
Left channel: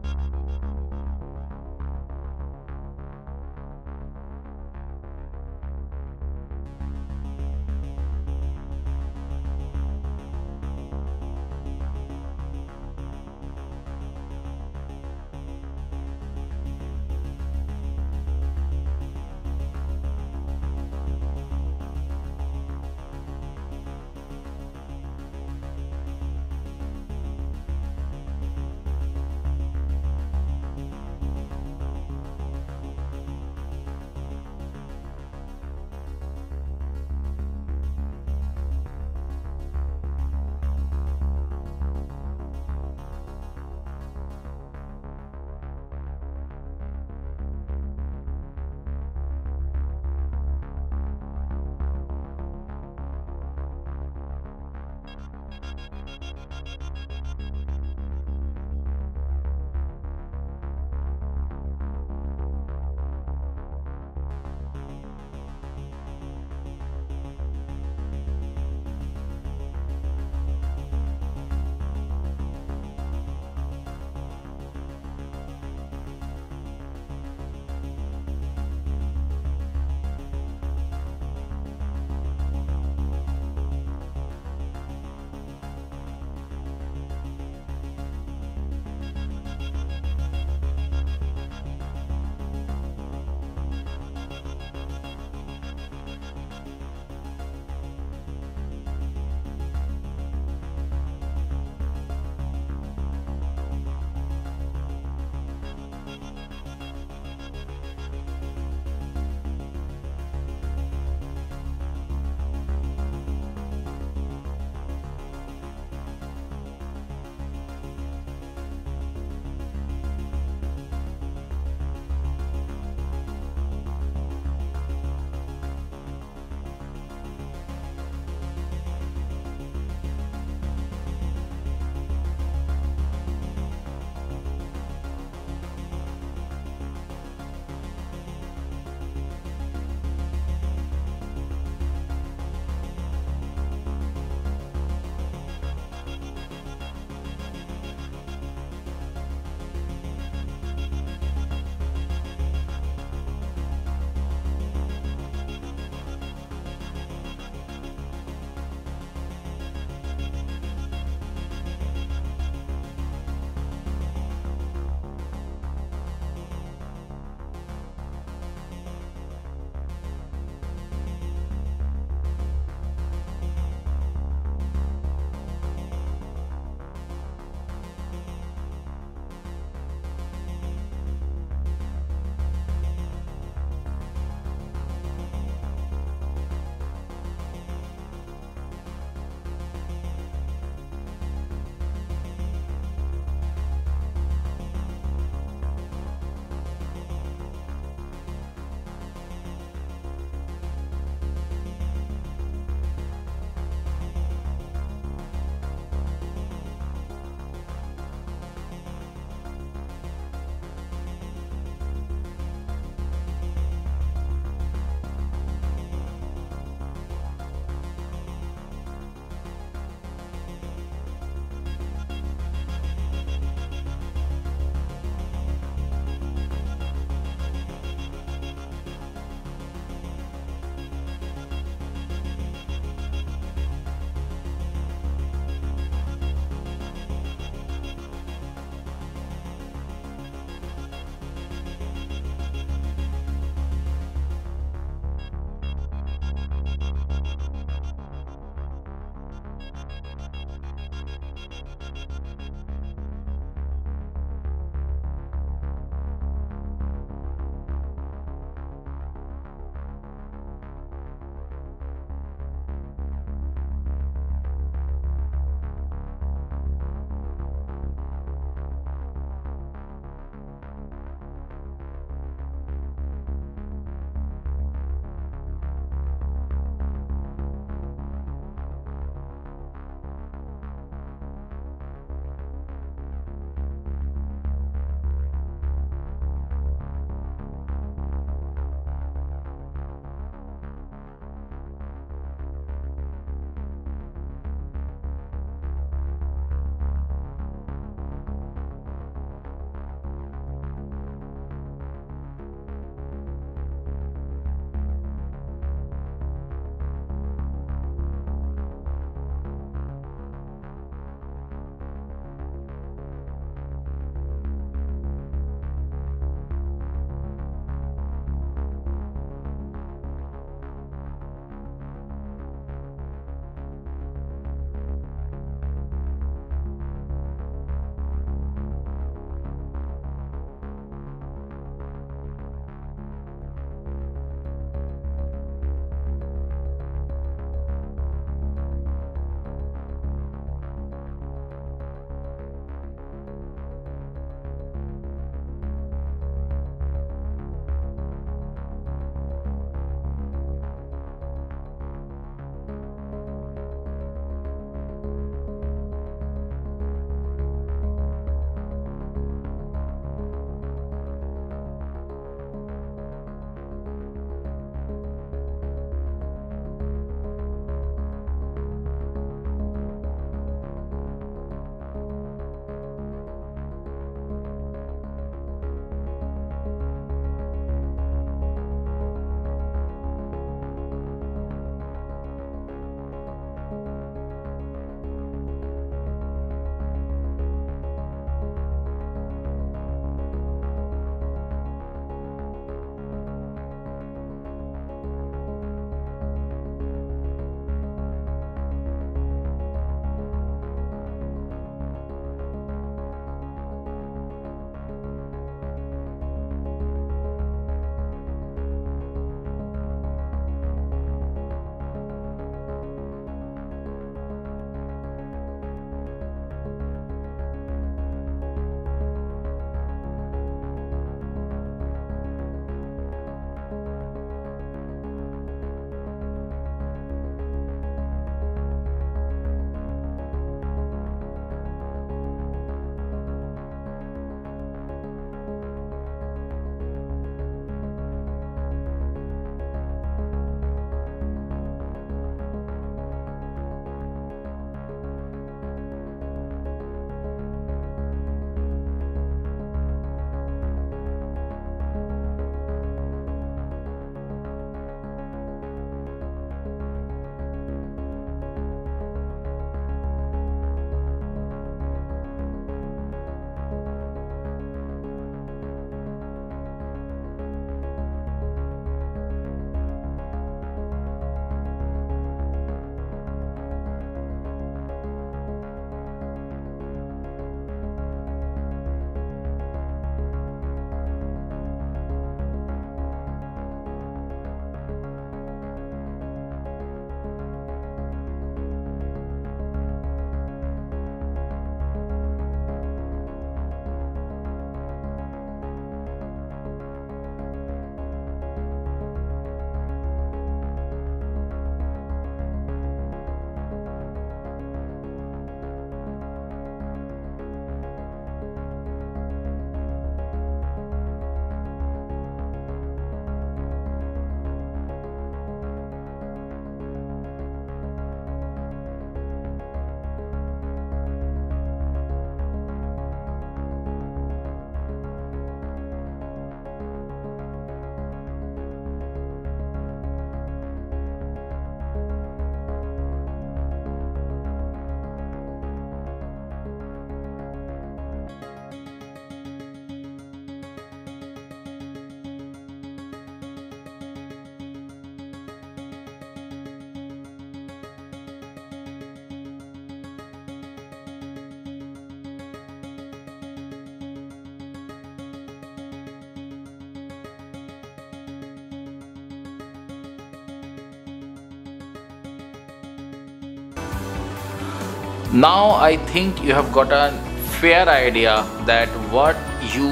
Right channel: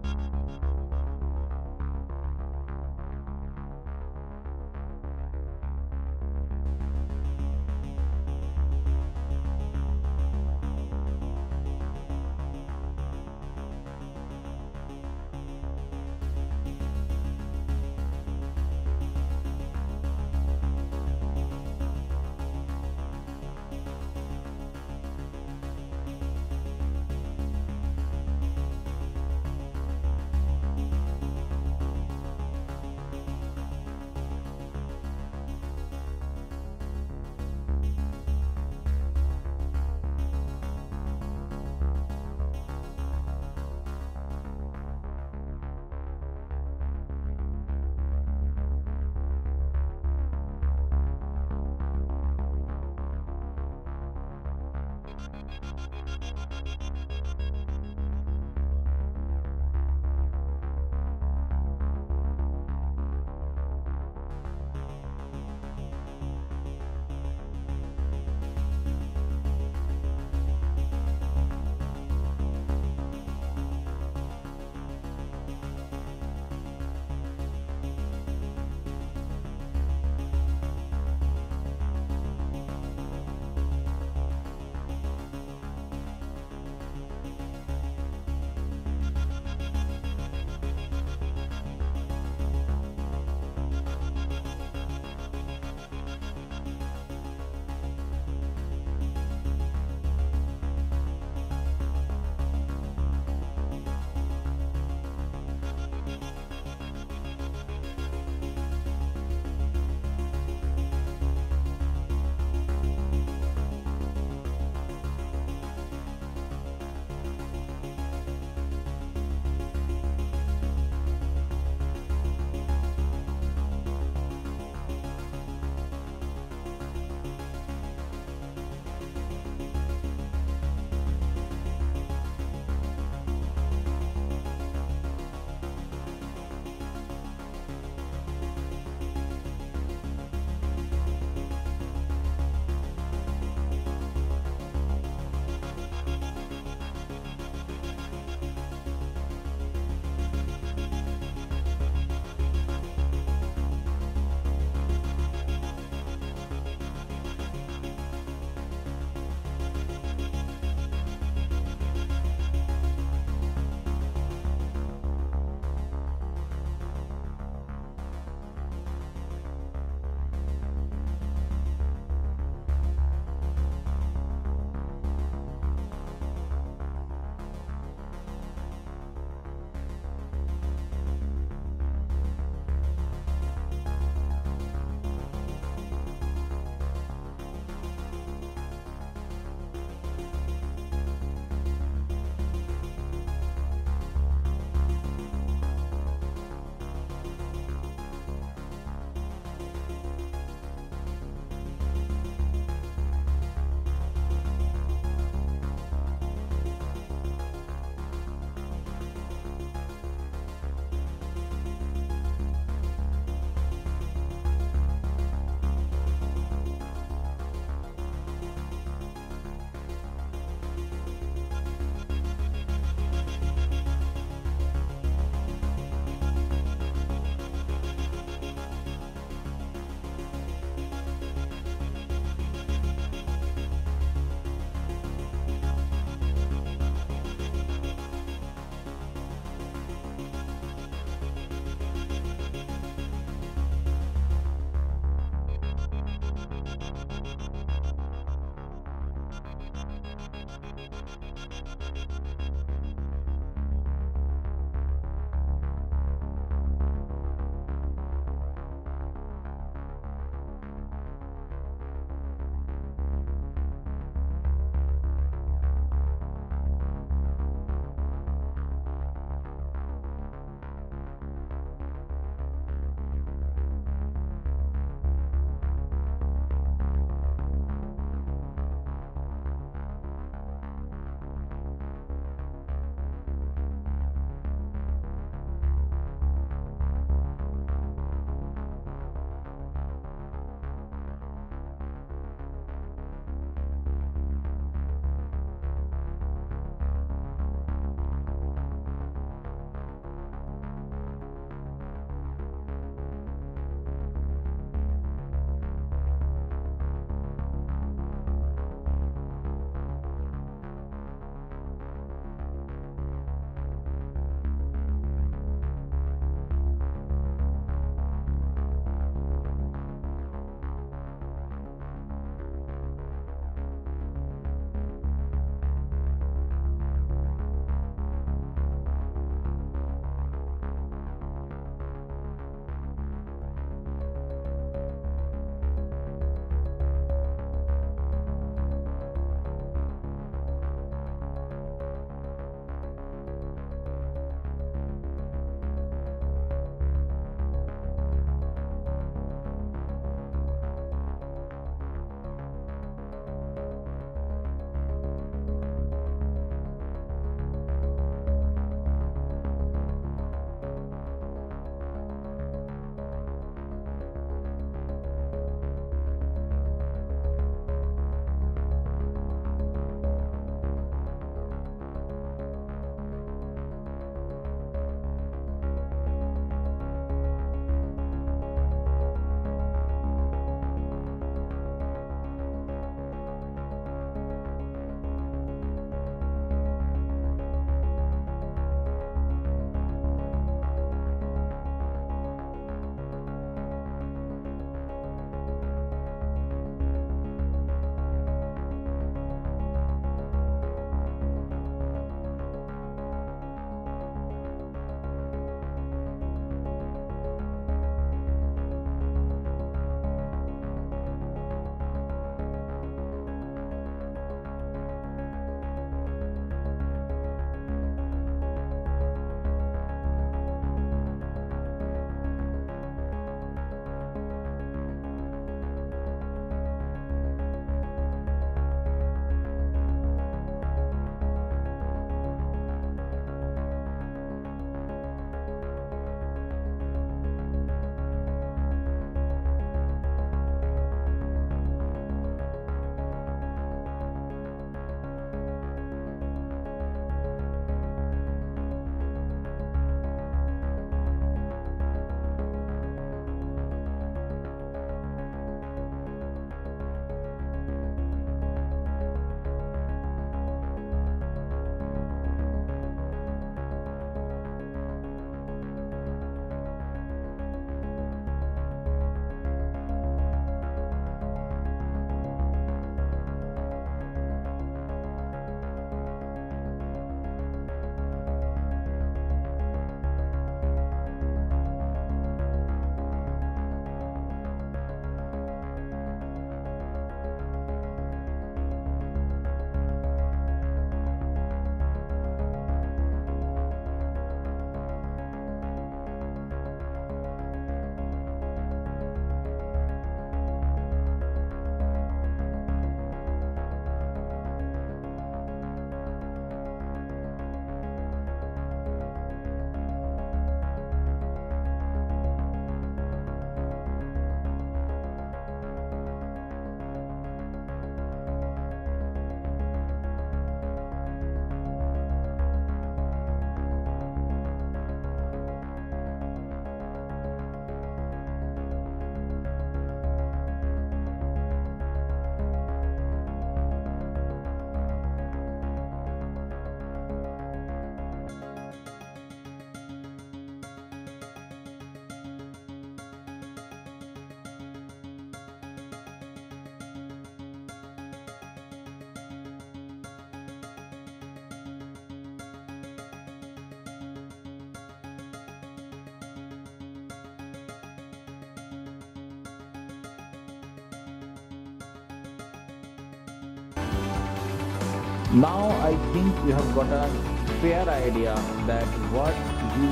Now I think you have got a fair idea that what you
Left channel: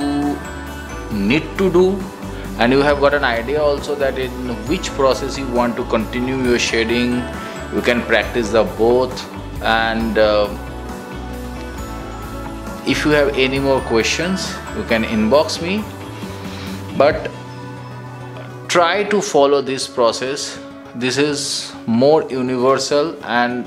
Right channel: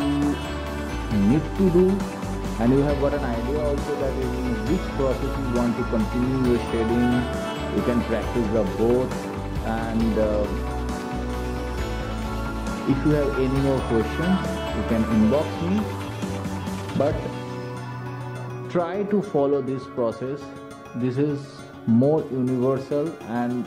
need to do, and you have got an idea also that in which process you want to continue your shading. You can practice the both, and if you have any more questions you can inbox me, but try to follow this process. This is more universal and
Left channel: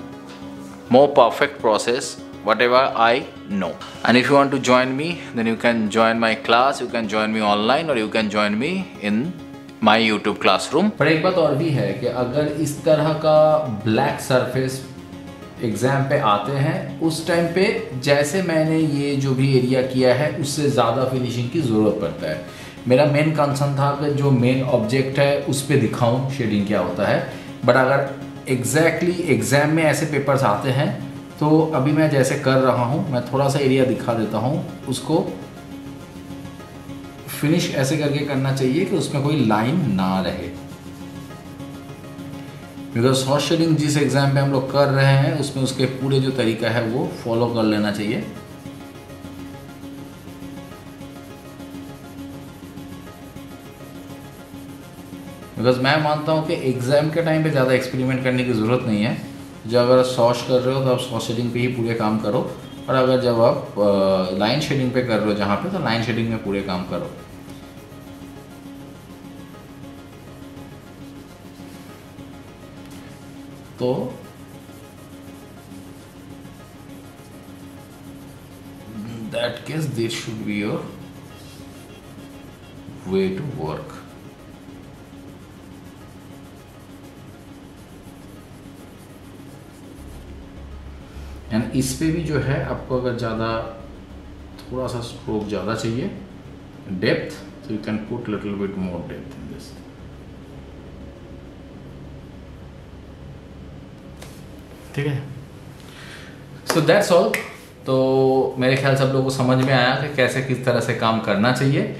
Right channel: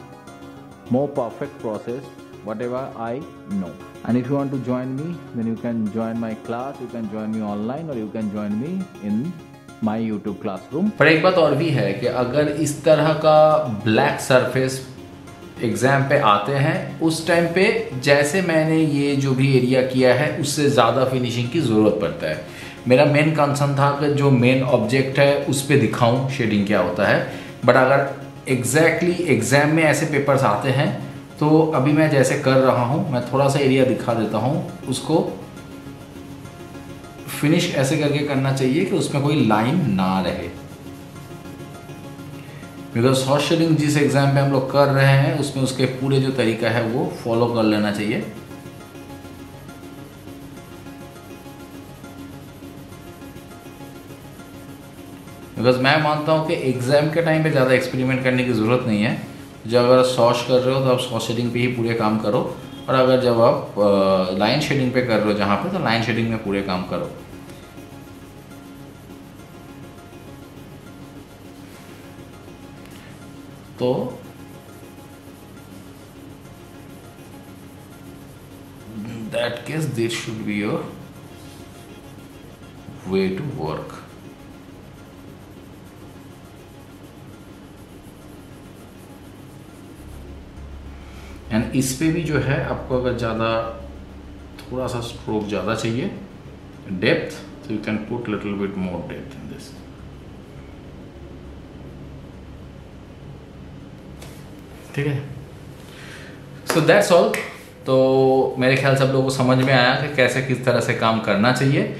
more perfect process whatever I know. And if you want to join me, then you can join my class, you can join me online, or you can join me in my YouTube classroom. पर एक बात और भी है कि अगर इस तरह का ब्लैक सरफेस एग्जाम पे आते हैं, उस टाइम पे जैसे मैंने ये जो भी एरिया किया है उससे ज़्यादा फिनिशिंग की ज़रूरत पड़ता है। मेरा मेन कंसर्न था कि जो मेन ऑब्जेक्ट है उस पर दिखाऊं शेडिंग क्या होता है, बट अगर एग्जैक्टली एग्जाम में ऐसे पेपर्स आते हैं तो अभी मैं जैसे कर रहा हूँ, मैं थोड़ा सा एरिया दिखा देता हूँ। उसको फिनिश ऐसे करके करना चाहिए कि उसमें कोई लाइन ना रहे, बिकॉज सॉफ्ट शेडिंग जिस एग्जाम पे हम लोग कर रहे हैं उसमें उसके पूरे जो तरीका है वो फॉलो कर लेना चाहिए। बिकॉज मैं मानता हूँ कि एग्जाम के टाइम पे ज़्यादा एक्सपेरिमेंट करने की ज़रूरत नहीं है। जब अगर सॉफ्ट कर रहे हो तो आप सॉफ्ट शेडिंग पे ही पूरे काम करो, और अगर जब आप लाइन शेडिंग पे कर रहे हो जहाँ पे, तो लाइन शेडिंग में पूरे काम करो। तो that case this should be your way to work. And इस पे भी जो है आपको अगर ज़्यादा थोड़ा सा स्ट्रोक ज़्यादा चाहिए, डेप्थ, तो you can put little bit more depth in this. ठीक है, सो दैट्स ऑल। तो मेरे ख्याल से आप लोगों को समझ में आया कि कैसे किस तरह से काम करना चाहिए।